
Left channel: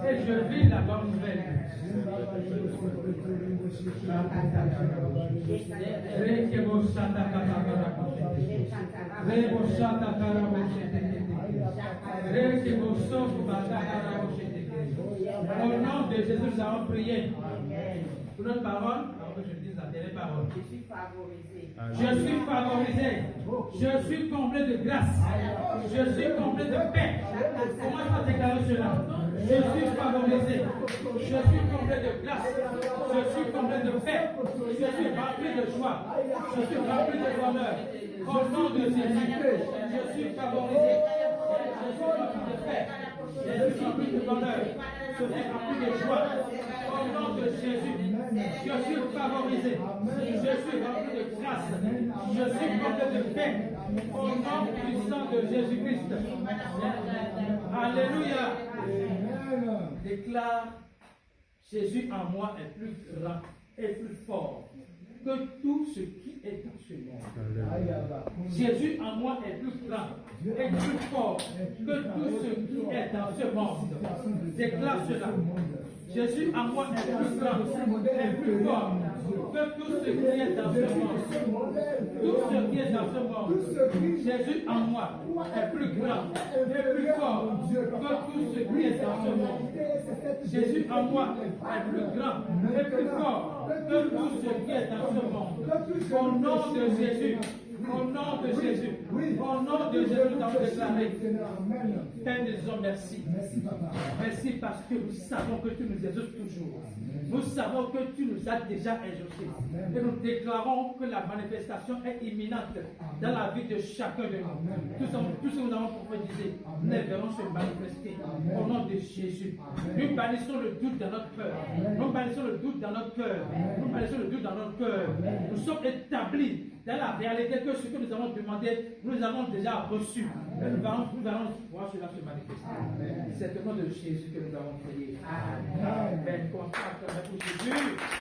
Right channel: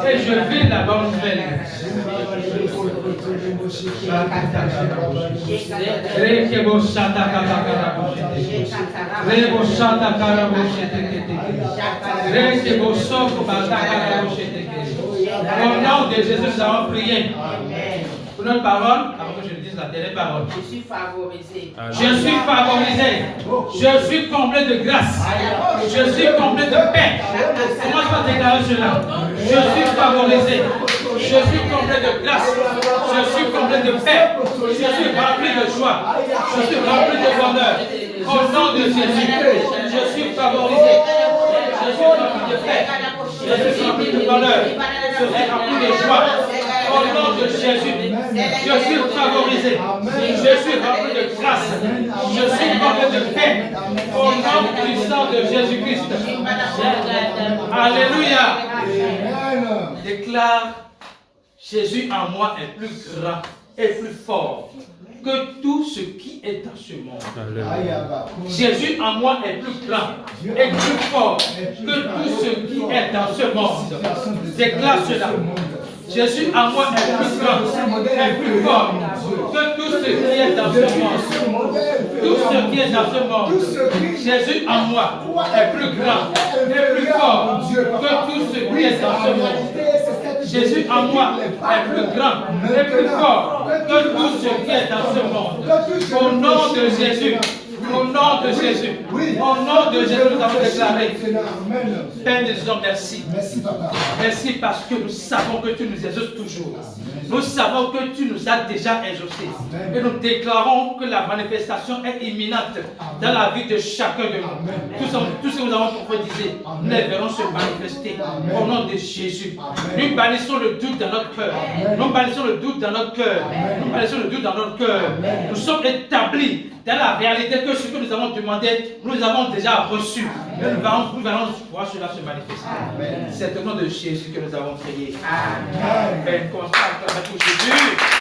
Et je vis la bonne nouvelle. Au nom de Jésus, nous allons prier. Pour notre parole, avant que je dise la dernière parole. Je suis favorisé. Je suis favorisé. Je suis comblé de grâce. Je suis comblé de paix. Comment je vais déclarer cela? Je suis favorisé. Je suis comblé de grâce. Je suis comblé de paix. Je suis rempli de joie. Je suis rempli de bonheur. Au nom de Jésus, je suis favorisé. Je suis rempli de paix. Je suis rempli de bonheur. Je suis rempli de joie. Au nom de Jésus, je suis favorisé. Je suis rempli de grâce. Je suis comblé de paix. Au nom puissant de Jésus-Christ. Alléluia. Déclare, Jésus en moi est plus grand et plus fort que tout ce qui est dans ce monde. Jésus en moi est plus grand et plus fort que tout ce qui est dans ce monde. Déclare cela. Jésus en moi est plus grand et plus fort que tout ce qui est dans ce monde. Tout ce qui est dans ce monde. Jésus en moi est plus grand et plus fort que tout ce qui est dans ce monde. Jésus en moi est plus grand et plus fort que tout ce qui est dans ce monde. Au nom de Jésus. Au nom de Jésus. Au nom de Jésus, nous avons déclaré. Père des hommes, merci. Merci parce que nous savons que tu nous exauces toujours. Nous savons que tu nous as déjà exaucés. Et nous déclarons que la manifestation est imminente dans la vie de chacun de nous. Tout ce que nous avons prophétisé, nous les verrons se manifester au nom de Jésus. Nous bannissons le doute dans notre cœur. Nous bannissons le doute dans notre cœur. Nous bannissons le doute dans notre cœur. Nous sommes établis dans la réalité que ce que nous avons demandé, nous avons déjà reçu. Et nous allons voir cela se manifester. C'est au nom de Jésus que nous avons prié. Amen. Commence par